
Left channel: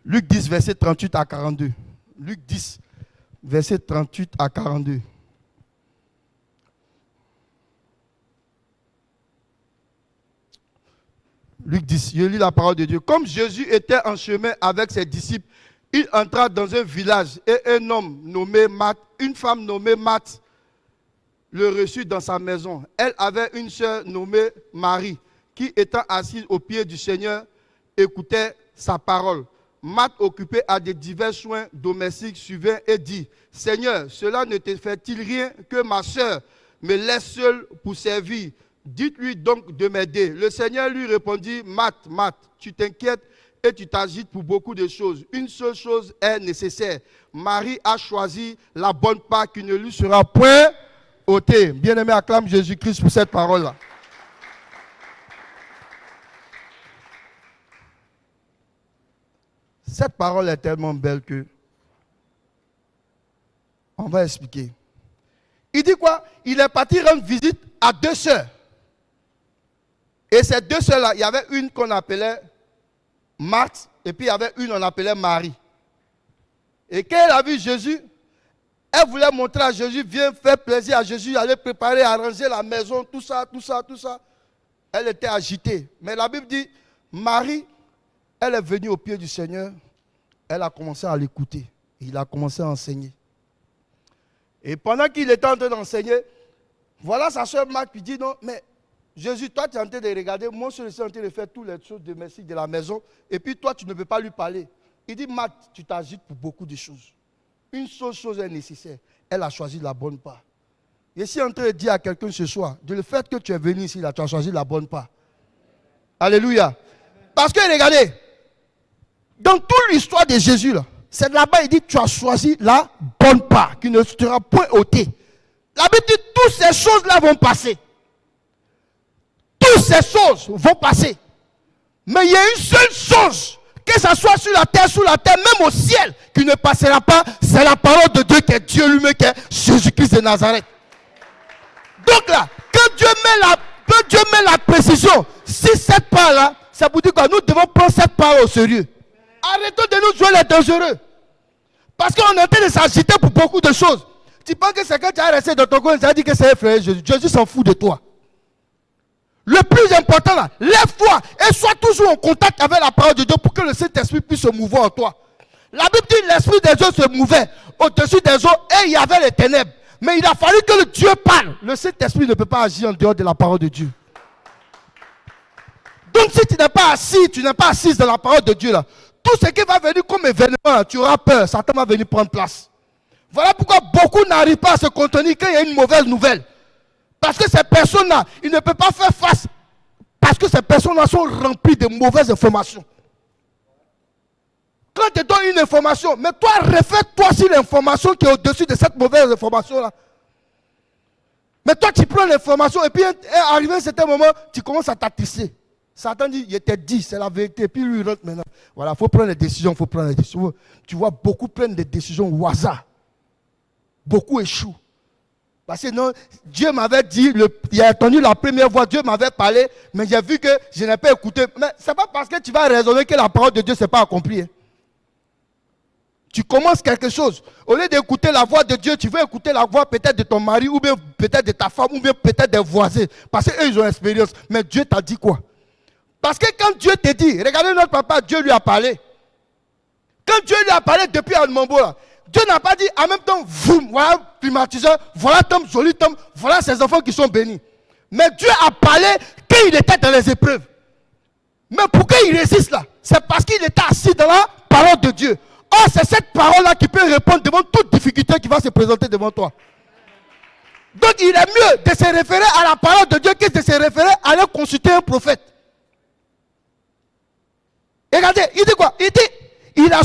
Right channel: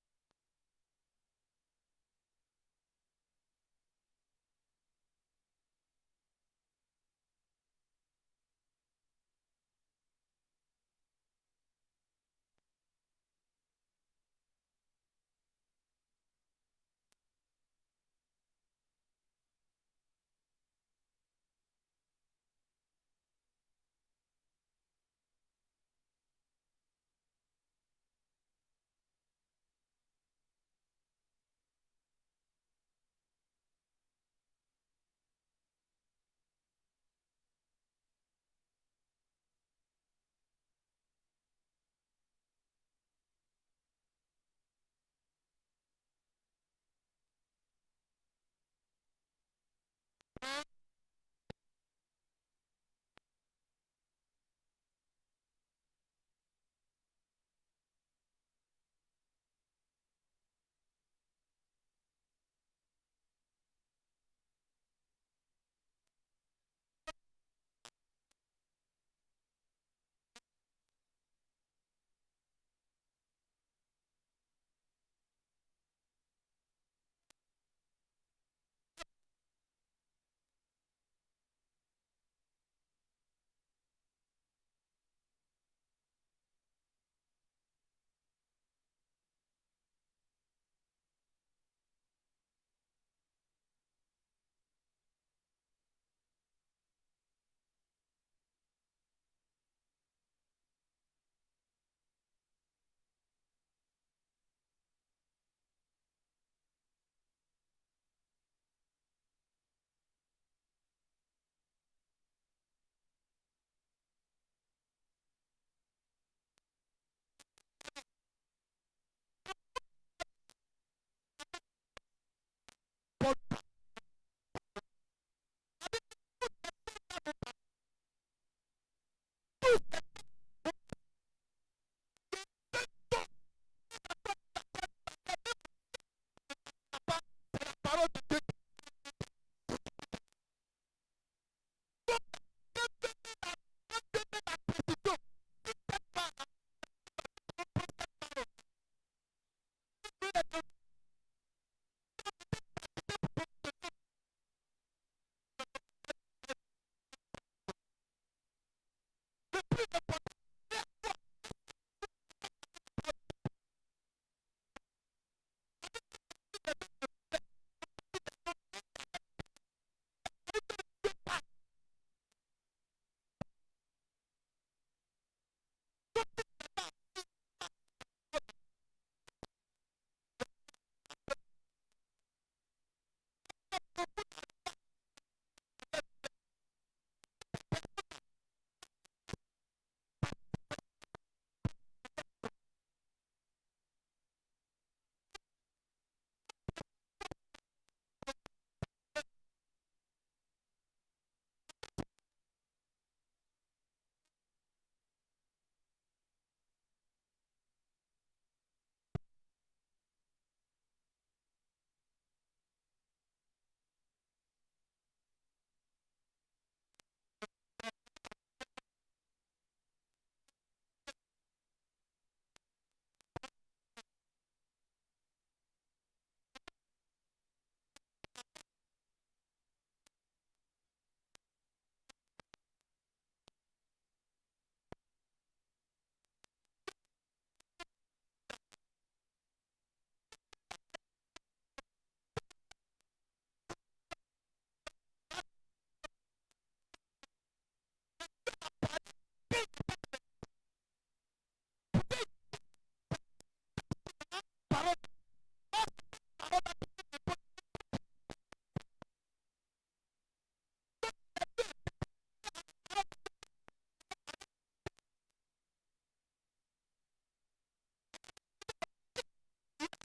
Luc 10, verset 38 à 42. Luc 10, verset 38 à 42. Luc 10, je lis la parole de Dieu. Comme Jésus était en chemin avec ses disciples, il entra dans un village et un homme nommé Marthe, une femme nommée Marthe, le reçut dans sa maison. Elle avait une sœur nommée Marie, qui étant assise aux pieds du Seigneur, écoutait sa parole. Marthe, occupée à des divers soins domestiques, suivait et dit, « Seigneur, cela ne te fait-il rien que ma sœur me laisse seule pour servir? Dites-lui donc de m'aider. » Le Seigneur lui répondit, « Marthe, Marthe, tu t'inquiètes et tu t'agites pour beaucoup de choses. Une seule chose est nécessaire. Marie a choisi la bonne part qui ne lui sera point ôtée. » Bien-aimé, acclame Jésus-Christ pour cette parole-là. Cette parole est tellement belle que on va expliquer. Il dit quoi? Il est parti rendre visite à deux sœurs. Et ces deux sœurs-là, il y avait une qu'on appelait Marthe, et puis il y avait une qu'on appelait Marie. Et quand elle a vu Jésus, elle voulait montrer à Jésus, viens faire plaisir à Jésus, aller préparer, arranger la maison, tout ça. Elle était agitée. Mais la Bible dit, Marie, elle est venue au pied du Seigneur, elle a commencé à l'écouter. Il a commencé à enseigner. Et pendant qu'il était en train d'enseigner, voilà sa soeur Marthe qui dit, non, mais Jésus, toi tu es en train de regarder, moi je suis en train de faire toutes les choses domestiques de la maison, et puis toi tu ne peux pas lui parler. Il dit, Marthe, tu t'agites pour beaucoup de choses. Une seule chose est nécessaire, elle a choisi la bonne part. Je suis en train de dire à quelqu'un ce soir, de le fait que tu es venu ici, là, tu as choisi la bonne part. Alléluia. Parce que regardez, dans toute l'histoire de Jésus, là, c'est là-bas, il dit, tu as choisi la bonne part, qui ne sera point ôtée. La Bible dit, toutes ces choses-là vont passer. Toutes ces choses vont passer. Mais il y a une seule chose, que ce soit sur la terre, sous la terre, même au ciel, qui ne passera pas, c'est la parole de Dieu, qui est Dieu lui-même, qui est Jésus-Christ de Nazareth. Donc là, quand Dieu met la précision, si cette part-là, ça vous dit que nous devons prendre cette part au sérieux. Arrêtons de nous jouer les dangereux. Parce qu'on est en train de s'agiter pour beaucoup de choses. Tu penses que c'est quand tu as resté dans ton coin, tu as dit que c'est un frère Jésus. Jésus s'en fout de toi. Le plus important là, lève-toi et sois toujours en contact avec la parole de Dieu pour que le Saint-Esprit puisse se mouvoir en toi. La Bible dit que l'Esprit des eaux se mouvait au-dessus des eaux et il y avait les ténèbres. Mais il a fallu que le Dieu parle. Le Saint-Esprit ne peut pas agir en dehors de la parole de Dieu. Donc si tu n'es pas assis, tu n'es pas assise dans la parole de Dieu là, tout ce qui va venir comme événement, tu auras peur, Satan va venir prendre place. Voilà pourquoi beaucoup n'arrivent pas à se contenir quand il y a une mauvaise nouvelle. Parce que ces personnes-là, ils ne peuvent pas faire face. Parce que ces personnes-là sont remplies de mauvaises informations. Quand tu donnes une information, mais toi, refais-toi sur l'information qui est au-dessus de cette mauvaise information-là. Mais toi, tu prends l'information et puis, arrivé à un certain moment, tu commences à t'attisser. Satan dit, il était dit, c'est la vérité. Et puis lui, il rentre maintenant. Voilà, il faut prendre les décisions, il faut prendre les décisions. Tu vois, beaucoup prennent des décisions au hasard. Beaucoup échouent. Parce que non, Dieu m'avait dit, il a entendu la première voix, Dieu m'avait parlé, mais j'ai vu que je n'ai pas écouté. Mais ce n'est pas parce que tu vas raisonner que la parole de Dieu ne s'est pas accomplie. Hein. Tu commences quelque chose. Au lieu d'écouter la voix de Dieu, tu veux écouter la voix peut-être de ton mari, ou bien peut-être de ta femme, ou bien peut-être des voisins. Parce qu'eux, ils ont l'expérience. Mais Dieu t'a dit quoi? Parce que quand Dieu te dit, regardez notre papa, Dieu lui a parlé. Quand Dieu lui a parlé depuis Anmambo, là, Dieu n'a pas dit en même temps, vous, voilà climatiseur, voilà Tom, joli Tom, voilà ses enfants qui sont bénis. Mais Dieu a parlé quand il était dans les épreuves. Mais pourquoi il résiste là? C'est parce qu'il était assis dans la parole de Dieu. Or, c'est cette parole-là qui peut répondre devant toute difficulté qui va se présenter devant toi. Donc, il est mieux de se référer à la parole de Dieu que de se référer à aller consulter un prophète. Et regardez, il dit quoi? Il dit, elle a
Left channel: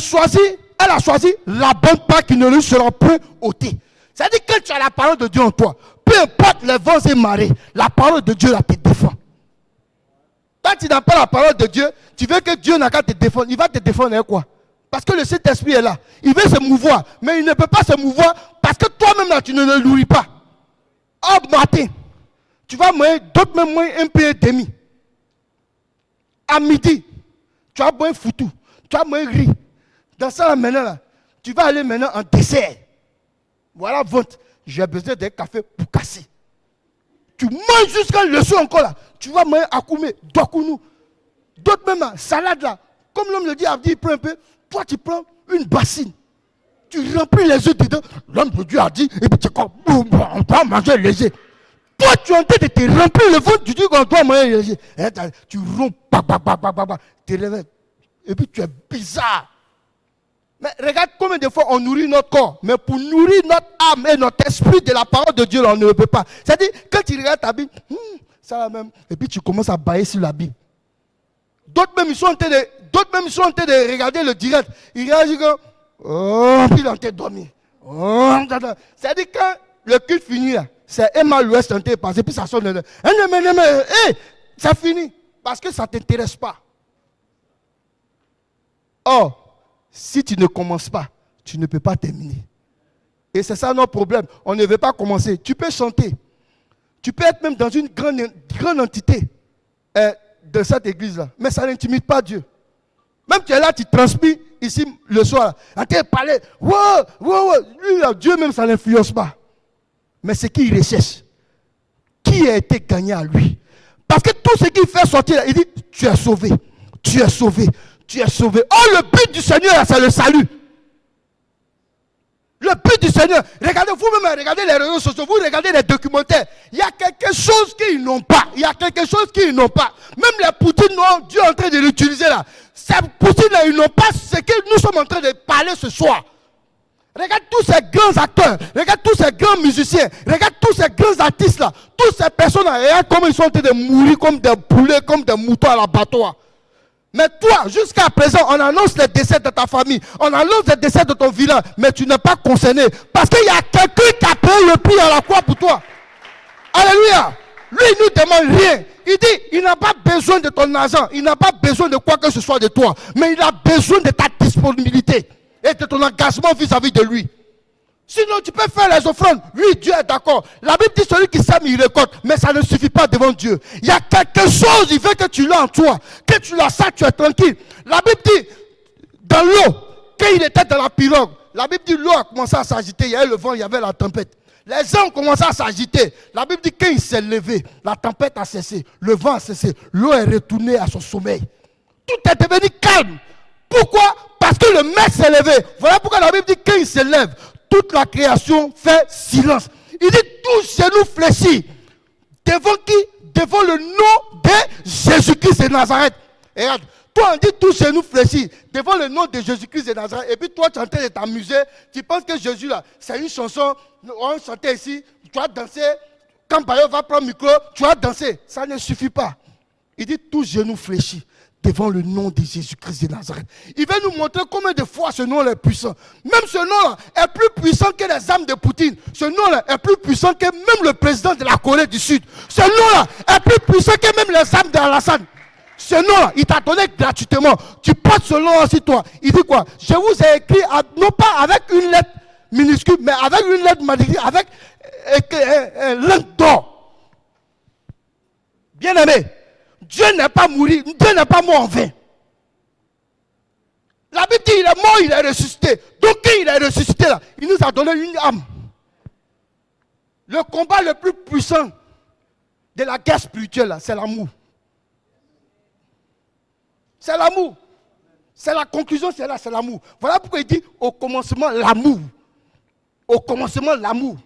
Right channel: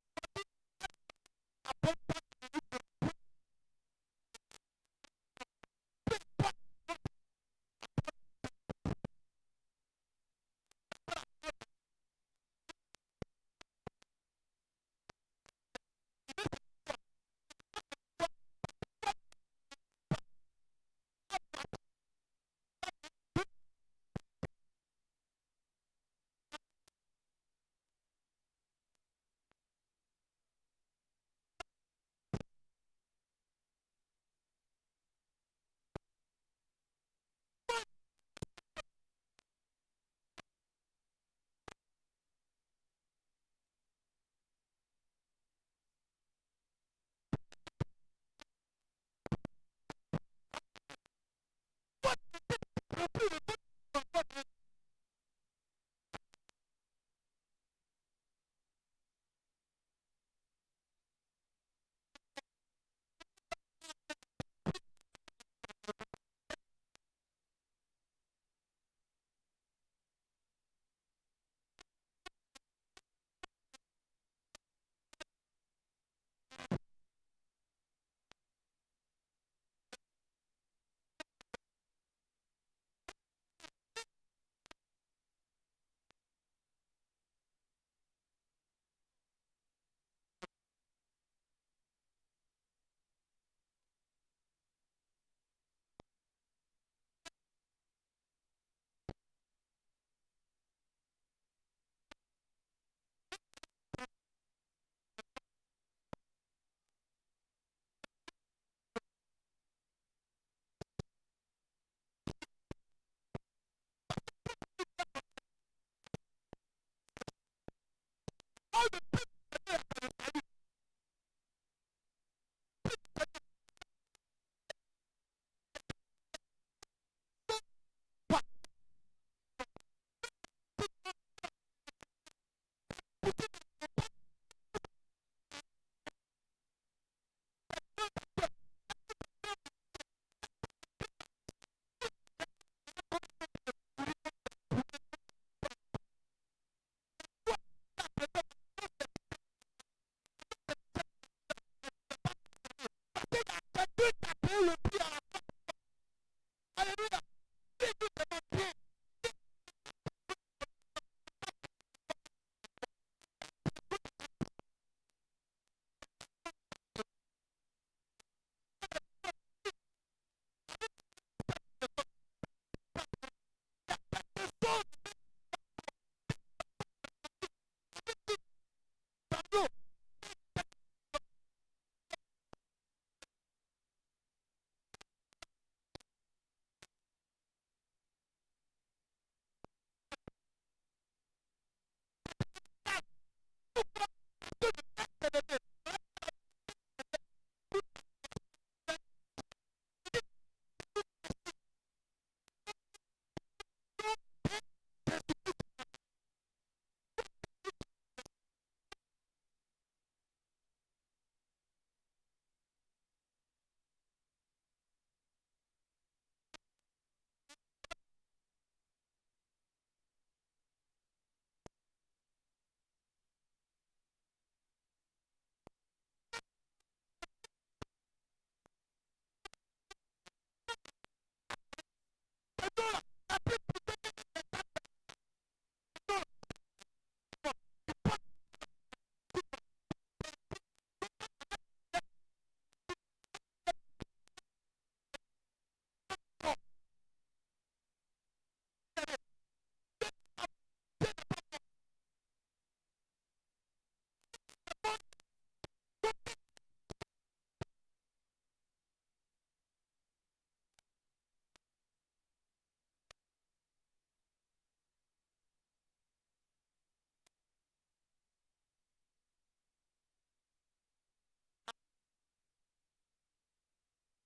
choisi la bonne part qui ne lui sera point ôtée. C'est-à-dire que quand tu as la parole de Dieu en toi, peu importe les vents et marées, la parole de Dieu là te défend. Quand tu n'as pas la parole de Dieu, tu veux que Dieu n'a qu'à te défendre. Il va te défendre avec quoi? Parce que le Saint-Esprit est là. Il veut se mouvoir, mais il ne peut pas se mouvoir parce que toi-même là, tu ne le nourris pas. Au matin, tu vas manger, d'autres même manger un peu et demi. À midi, tu vas boire un foutu, tu vas manger riz. Dans ça là, maintenant, là, tu vas aller maintenant en dessert. Voilà, vente. J'ai besoin d'un café pour casser. Tu manges jusqu'à le soir encore là. Tu vas manger akoumé, dokounou. D'autres même là, salade là. Comme l'homme le dit, il prend un peu. Toi, tu prends une bassine. Tu remplis les œufs dedans. L'homme de Dieu a dit, et puis tu comme, on doit manger léger. Toi, tu es en train de te remplir le ventre, tu dis qu'on doit manger léger. Et tu romps, tu te réveilles. Et puis tu es bizarre. Mais regarde combien de fois on nourrit notre corps. Mais pour nourrir notre âme et notre esprit de la parole de Dieu, on ne le peut pas. C'est-à-dire, quand tu regardes ta Bible, ça va même. Et puis tu commences à bailler sur la Bible. D'autres même, ils sont en train de regarder le direct. Ils réagissent comme, oh, puis ils sont en train de dormir. Oh, c'est-à-dire, quand le culte finit, c'est Emma l'Ouest en train de passer, puis ça sonne. Ça finit. Parce que ça ne t'intéresse pas. Or, si tu ne commences pas, tu ne peux pas terminer. Et c'est ça notre problème. On ne veut pas commencer. Tu peux chanter. Tu peux être même dans une grande entité de cette église-là. Mais ça n'intimide pas Dieu. Même tu es là, tu transpires ici le soir. En train de parler. Lui, Dieu même, ça n'influence pas. Mais c'est qui il recherche. Qui a été gagné à lui. Parce que tout ce qu'il fait sortir, il dit, tu es sauvé. Tu es sauvé. Tu es sauvé. Oh, le but du Seigneur, c'est le salut. Le but du Seigneur, regardez, vous-même, regardez les réseaux sociaux, vous regardez les documentaires. Il y a quelque chose qu'ils n'ont pas. Il y a quelque chose qu'ils n'ont pas. Même les Poutines, Dieu est en train de l'utiliser là. Ces Poutines-là, ils n'ont pas ce que nous sommes en train de parler ce soir. Regarde tous ces grands acteurs, regarde tous ces grands musiciens, regarde tous ces grands artistes là. Toutes ces personnes-là, regarde comment ils sont en train de mourir comme des poulets, comme des moutons à l'abattoir. Mais toi, jusqu'à présent, on annonce les décès de ta famille, on annonce les décès de ton village, mais tu n'es pas concerné. Parce qu'il y a quelqu'un qui a payé le prix à la croix pour toi. Alléluia. Lui, il ne demande rien. Il dit, il n'a pas besoin de ton argent, il n'a pas besoin de quoi que ce soit de toi, mais il a besoin de ta disponibilité et de ton engagement vis-à-vis de lui. Sinon, tu peux faire les offrandes. Oui, Dieu est d'accord. La Bible dit celui qui sème, il récolte. Mais ça ne suffit pas devant Dieu. Il y a quelque chose, il veut que tu l'as en toi. Que tu l'as ça, tu es tranquille. La Bible dit, dans l'eau, quand il était dans la pirogue, la Bible dit, l'eau a commencé à s'agiter. Il y avait le vent, il y avait la tempête. Les gens ont commencé à s'agiter. La Bible dit, quand il s'est levé, la tempête a cessé. Le vent a cessé. L'eau est retournée à son sommeil. Tout est devenu calme. Pourquoi? Parce que le maître s'est levé. Voilà pourquoi la Bible dit, quand il se lève, toute la création fait silence. Il dit, tous genoux fléchis. Devant qui? Devant le nom de Jésus-Christ de Nazareth. Et regarde, toi on dit tous genoux fléchis. Devant le nom de Jésus-Christ de Nazareth. Et puis toi tu es en train de t'amuser. Tu penses que Jésus là, c'est une chanson. On chantait ici. Tu vas danser. Quand Bayo va prendre le micro, tu vas danser. Ça ne suffit pas. Il dit tous genoux fléchis. Devant le nom de Jésus-Christ de Nazareth. Il va nous montrer combien de fois ce nom est puissant. Même ce nom-là est plus puissant que les armes de Poutine. Ce nom-là est plus puissant que même le président de la Corée du Sud. Ce nom-là est plus puissant que même les armes d'Alassane. Ce nom-là, il t'a donné gratuitement. Tu portes ce nom-là sur toi. Il dit quoi? Je vous ai écrit, non pas avec une lettre minuscule, mais avec une lettre majuscule, avec langue d'or. Bien aimé, Dieu n'est pas mort en vain. La Bible dit, il est mort, il est ressuscité. Donc quand il est ressuscité là, il nous a donné une âme. Le combat le plus puissant de la guerre spirituelle là, c'est l'amour. C'est l'amour. C'est la conclusion, c'est là, c'est l'amour. Voilà pourquoi il dit au commencement l'amour. Au commencement l'amour.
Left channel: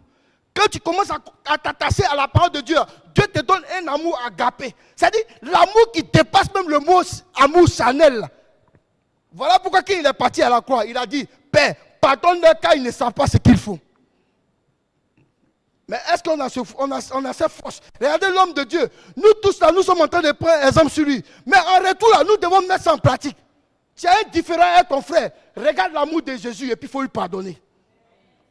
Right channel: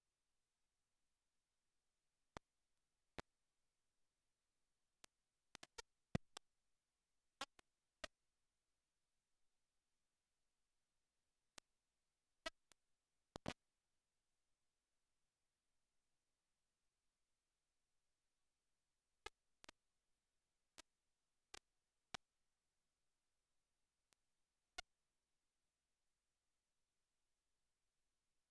Quand tu commences à t'attacher à la parole de Dieu, Dieu te donne un amour agapé. C'est-à-dire l'amour qui dépasse même le mot amour charnel. Voilà pourquoi quand il est parti à la croix, il a dit, Père, pardonne-leur car ils ne savent pas ce qu'ils font. Mais est-ce qu'on a cette force? Regardez l'homme de Dieu. Nous tous là, nous sommes en train de prendre exemple sur lui. Mais en retour là, nous devons mettre ça en pratique. Tu as un différent avec ton frère. Regarde l'amour de Jésus et puis il faut lui pardonner.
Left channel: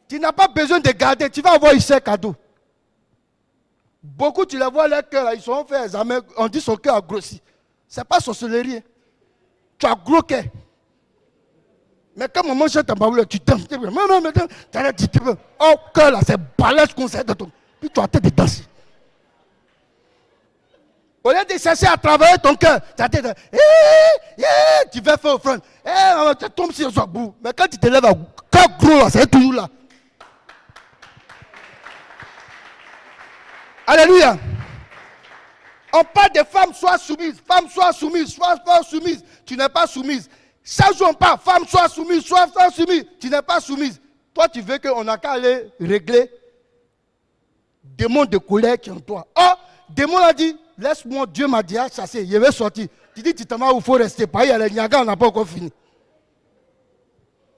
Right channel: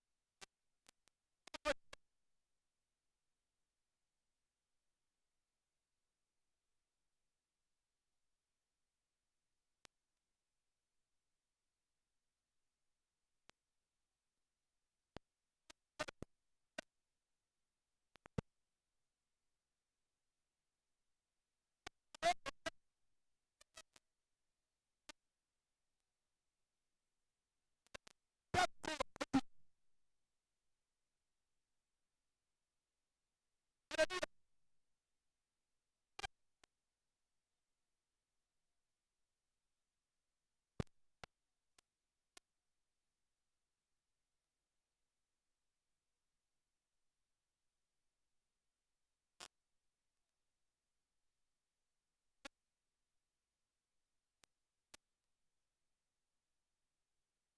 Tu n'as pas besoin de garder. Tu vas avoir ici un cadeau. Beaucoup, tu les vois, leur cœur, ils sont fait examen. On dit son cœur a grossi. Ce n'est pas sorcellerie. Tu as gros cœur. Mais quand maman jette ta baboule, tu t'aimes. Oh, cœur là, c'est balèze qu'on sait de ton. Puis tu as tête de danser. Au lieu de chercher à travailler ton cœur, tu as tête de. Tu vas faire offrande. Tu tombes sur le bout. Mais quand tu te lèves, cœur gros là, c'est toujours là. Alléluia. On parle des femmes, soient soumises. Femme, sois soumise. Sois soumise. Tu n'es pas soumise. Chaque jour on parle, femme, sois soumise. Sois soumise. Tu n'es pas soumise. Toi, tu veux qu'on n'a qu'à aller régler des démons de colère qui sont en toi. Oh, démon a dit, laisse-moi, Dieu m'a dit à chasser. Je vais sortir. Tu dis, tu t'en vas où il faut rester. Pas, il y a les Niaga, on n'a pas encore fini.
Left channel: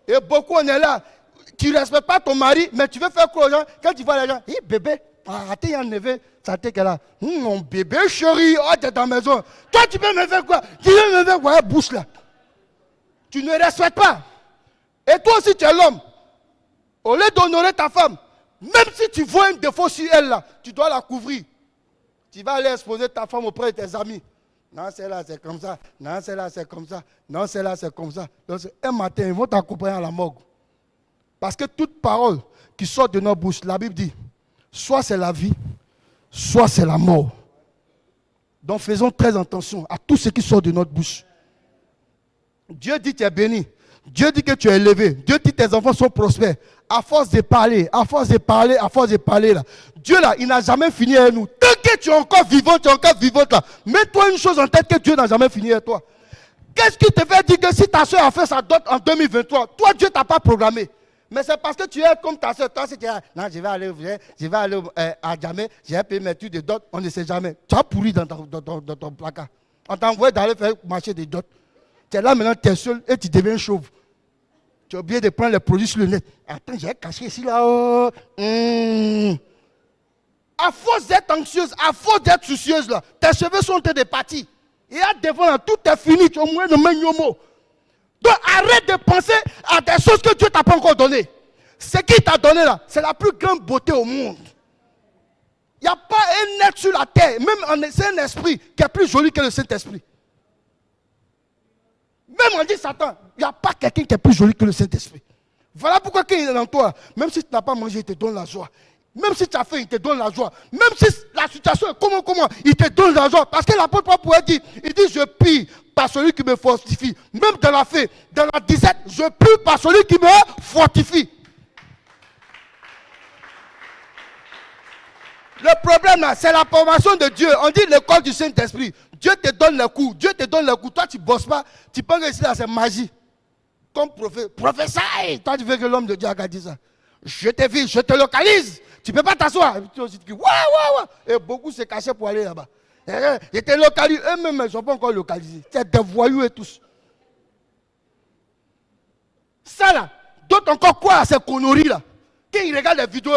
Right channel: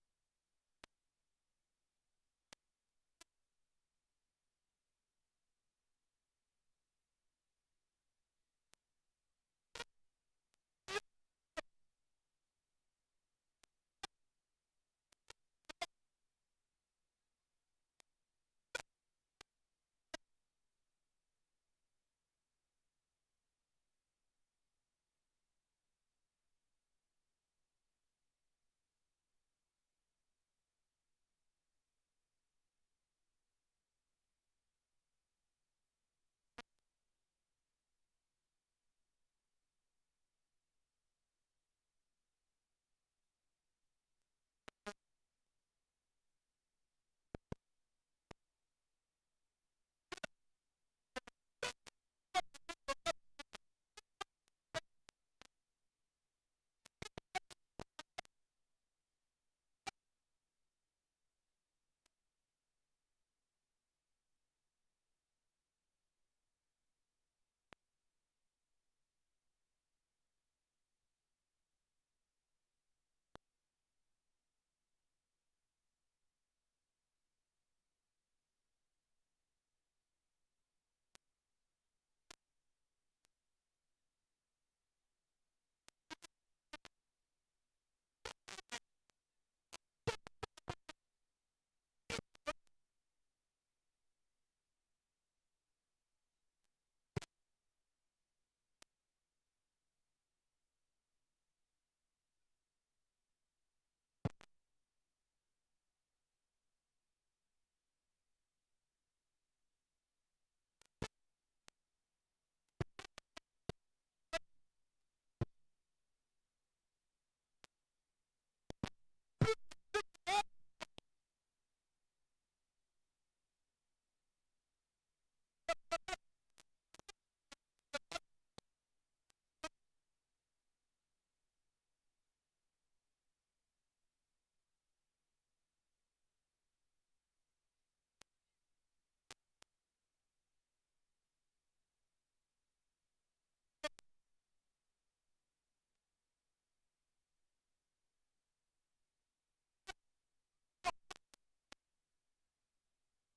Et beaucoup, on est là. Tu ne respectes pas ton mari, mais tu veux faire quoi aux gens? Quand tu vois les gens, hé bébé, arrêtez, il y a un neveu, ça t'est là. Mon bébé chéri, oh, tu es dans la maison. Toi, tu peux me faire quoi? Tu veux me faire quoi? Bouche là. Tu ne respectes pas. Et toi aussi, tu es l'homme. Au lieu d'honorer ta femme, même si tu vois un défaut sur elle là, tu dois la couvrir. Tu vas aller exposer ta femme auprès de tes amis. Non, celle-là, c'est comme ça. Non, celle-là, c'est comme ça. Non, celle-là, c'est comme ça. Donc, un matin, ils vont t'accompagner à la morgue. Parce que toute parole qui sort de nos bouches, la Bible dit, soit c'est la vie, soit c'est la mort. Donc faisons très attention à tout ce qui sort de notre bouche. Dieu dit que tu es béni. Dieu dit que tu es élevé. Dieu dit que tes enfants sont prospères. À force de parler, à force de parler, à force de parler là. Dieu là, il n'a jamais fini avec nous. Tant que tu es encore vivant, tu es encore vivante là. Mets-toi une chose en tête que Dieu n'a jamais fini avec toi. Qu'est-ce qui te fait dire que si ta soeur a fait sa dot en 2023, toi Dieu ne t'a pas programmé. Mais c'est parce que tu es comme ta soeur. Toi, si tu es non, je vais aller à Djamé, j'ai payé mes études de dot, on ne sait jamais. Tu as pourri dans ton placard. On t'a envoyé d'aller faire marcher des dots. Tu es là maintenant, tu es seul et tu deviens chauve. Tu as oublié de prendre les produits sur le net. Attends, j'ai caché ici là. À force d'être anxieuse, à force d'être soucieuse là, tes cheveux sont en train de partir. Et à devant là, tout est fini. Tu as au moins de main mot. Donc arrête de penser à des choses que Dieu ne t'a pas encore données. Ce qu'il t'a donné là, c'est la plus grande beauté au monde. Il n'y a pas un être sur la terre, même c'est un esprit qui est plus joli que le Saint-Esprit. Même on dit Satan, il n'y a pas quelqu'un qui est plus joli que le Saint-Esprit. Voilà pourquoi quand il est dans toi, même si tu n'as pas mangé, il te donne la joie. Même si tu as faim, il te donne la joie. Même si la situation est comment, il te donne la joie. Parce que l'apôtre Paul pourrait dire, il dit, je prie par celui qui me fortifie. Même dans la faim, dans la disette, je prie par celui qui me fortifie. Le problème là, c'est la formation de Dieu. On dit l'école du Saint-Esprit. Dieu te donne les coups. Dieu te donne les coups. Toi, tu ne bosses pas. Tu penses que ici, là, c'est magie. Comme professeur, toi, tu veux que l'homme de Dieu a dit ça. Je te vis, je te localise. Tu ne peux pas t'asseoir. Tu dis, ouais. Et beaucoup se cachaient pour aller là-bas. Ils te localisent. Eux-mêmes, ils ne sont pas encore localisés. C'est des voyous et tous. Ça là, d'autres encore quoi à ces conneries là. Quand ils regardent les vidéos,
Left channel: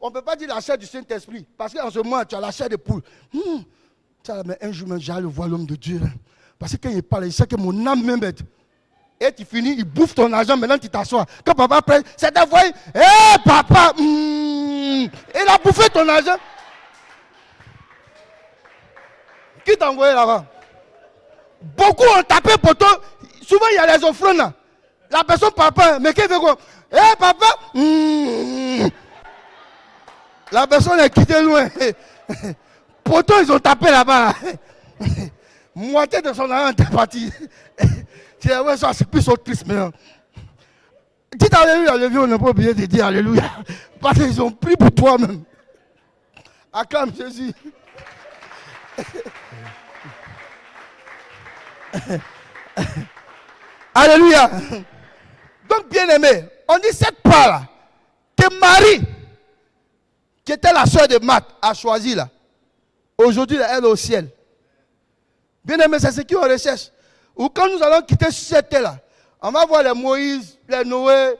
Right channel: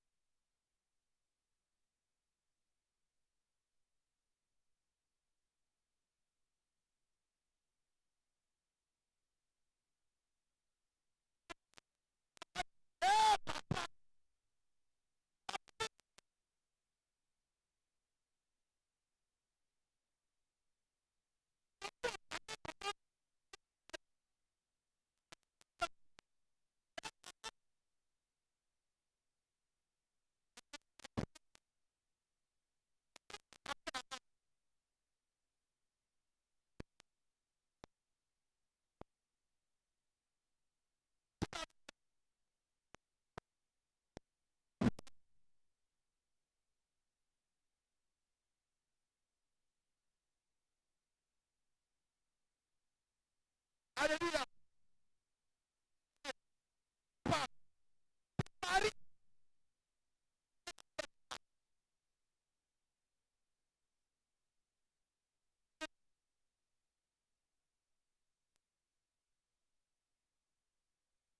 on ne peut pas dire la chair du Saint-Esprit. Parce qu'en ce moment, tu as la chair de poule. Mais un jour, j'allais voir l'homme de Dieu. Là. Parce que quand il parle, il sait que mon âme m'aide. Et tu finis, il bouffe ton argent, maintenant tu t'assois. Quand papa prend, c'est des voyous. Hé papa, il a bouffé ton argent. Qui t'a envoyé là-bas? Beaucoup ont tapé pour toi. Souvent, il y a les offrandes là. La personne papa, mais qui fait quoi? Hé papa, La personne est quittée loin. Pourtant, ils ont tapé là-bas. Moitié de son argent est parti. Tu dis, ouais, ça, c'est plus triste maintenant. Dites alléluia, le vieux, on n'a pas oublié de dire alléluia. Parce qu'ils ont pris pour toi-même. Acclame Jésus. Alléluia. Donc, bien aimé, on dit cette part-là, que Marie, qui était la soeur de Marthe, a choisi là. Aujourd'hui, elle est au ciel. Bien aimé, c'est ce qu'on recherche. Ou quand nous allons quitter cette terre-là, on va voir les Moïse, les Noé,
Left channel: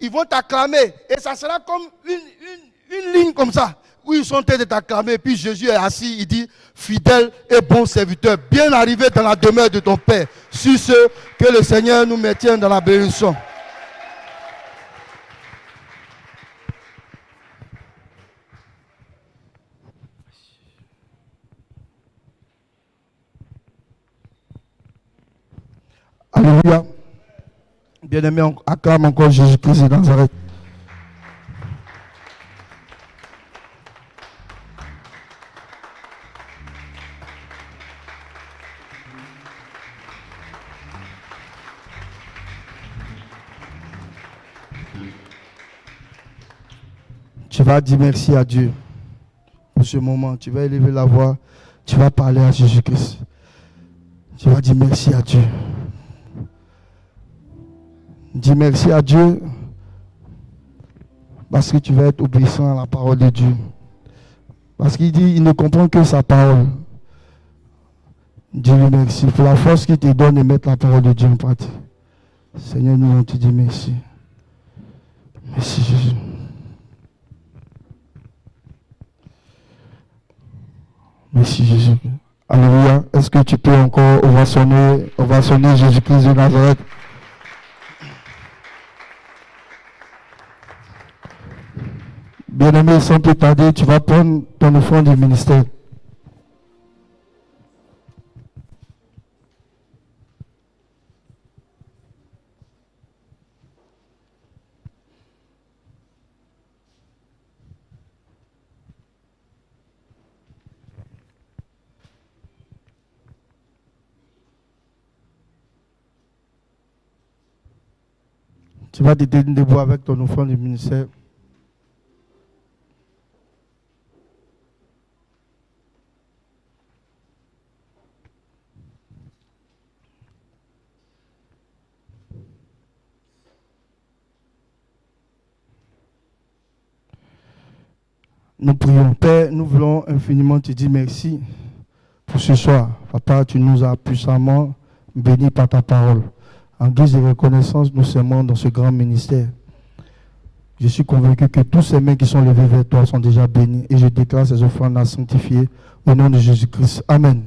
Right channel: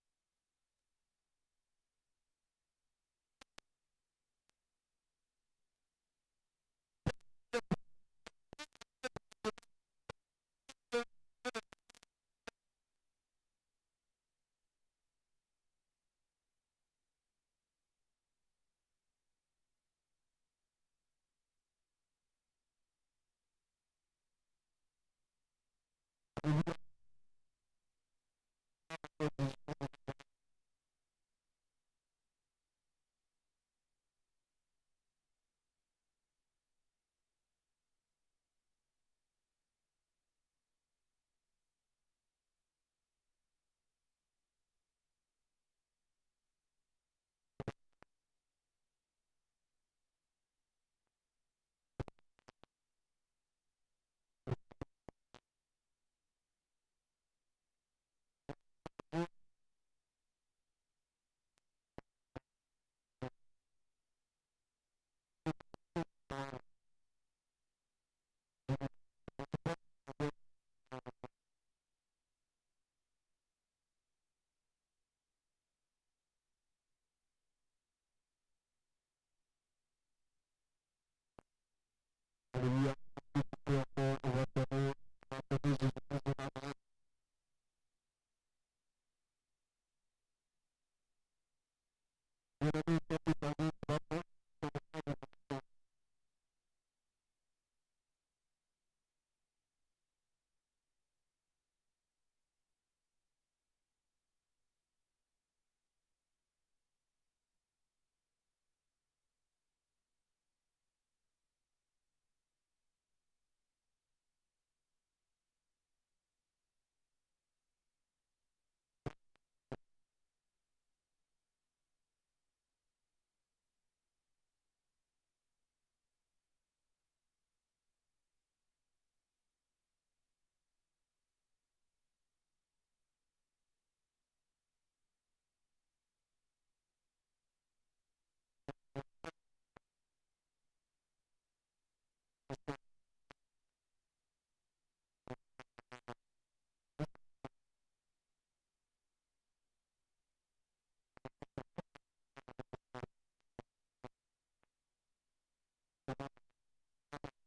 ils vont t'acclamer. Et ça sera comme une ligne comme ça, où ils sont en train de t'acclamer. Et puis Jésus est assis, il dit, fidèle et bon serviteur, bien arrivé dans la demeure de ton Père. Sur ce, que le Seigneur nous maintienne dans la bénédiction. Alléluia. Bien-aimé, on acclame encore Jésus-Christ de Nazareth. Tu vas dire merci à Dieu pour ce moment. Tu vas élever la voix. Tu vas parler à Jésus-Christ. Tu vas dire merci à Dieu. Dis merci à Dieu parce que tu vas être obéissant à la parole de Dieu. Parce qu'il dit, il ne comprend que sa parole. Dis-lui merci pour la force qu'il te donne de mettre la parole de Dieu en pratique. Seigneur, nous on te dit merci. Merci Jésus. Merci Jésus. Alléluia. Est-ce que tu peux encore ovationner Jésus-Christ de Nazareth? Bien-aimé, sans plus tarder, tu vas prendre ton offrande du ministère. Tu vas te tenir debout avec ton offrande du ministère. Nous prions. Père, nous voulons infiniment te dire merci pour ce soir. Papa, tu nous as puissamment bénis par ta parole. En guise de reconnaissance, nous sermons dans ce grand ministère. Je suis convaincu que tous ces mains qui sont levées vers toi sont déjà bénis et je déclare ces offrandes à sanctifier au nom de Jésus-Christ. Amen.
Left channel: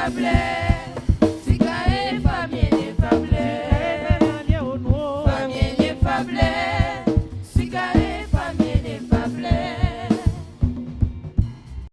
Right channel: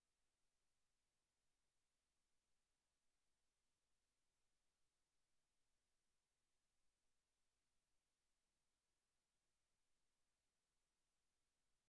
Famille,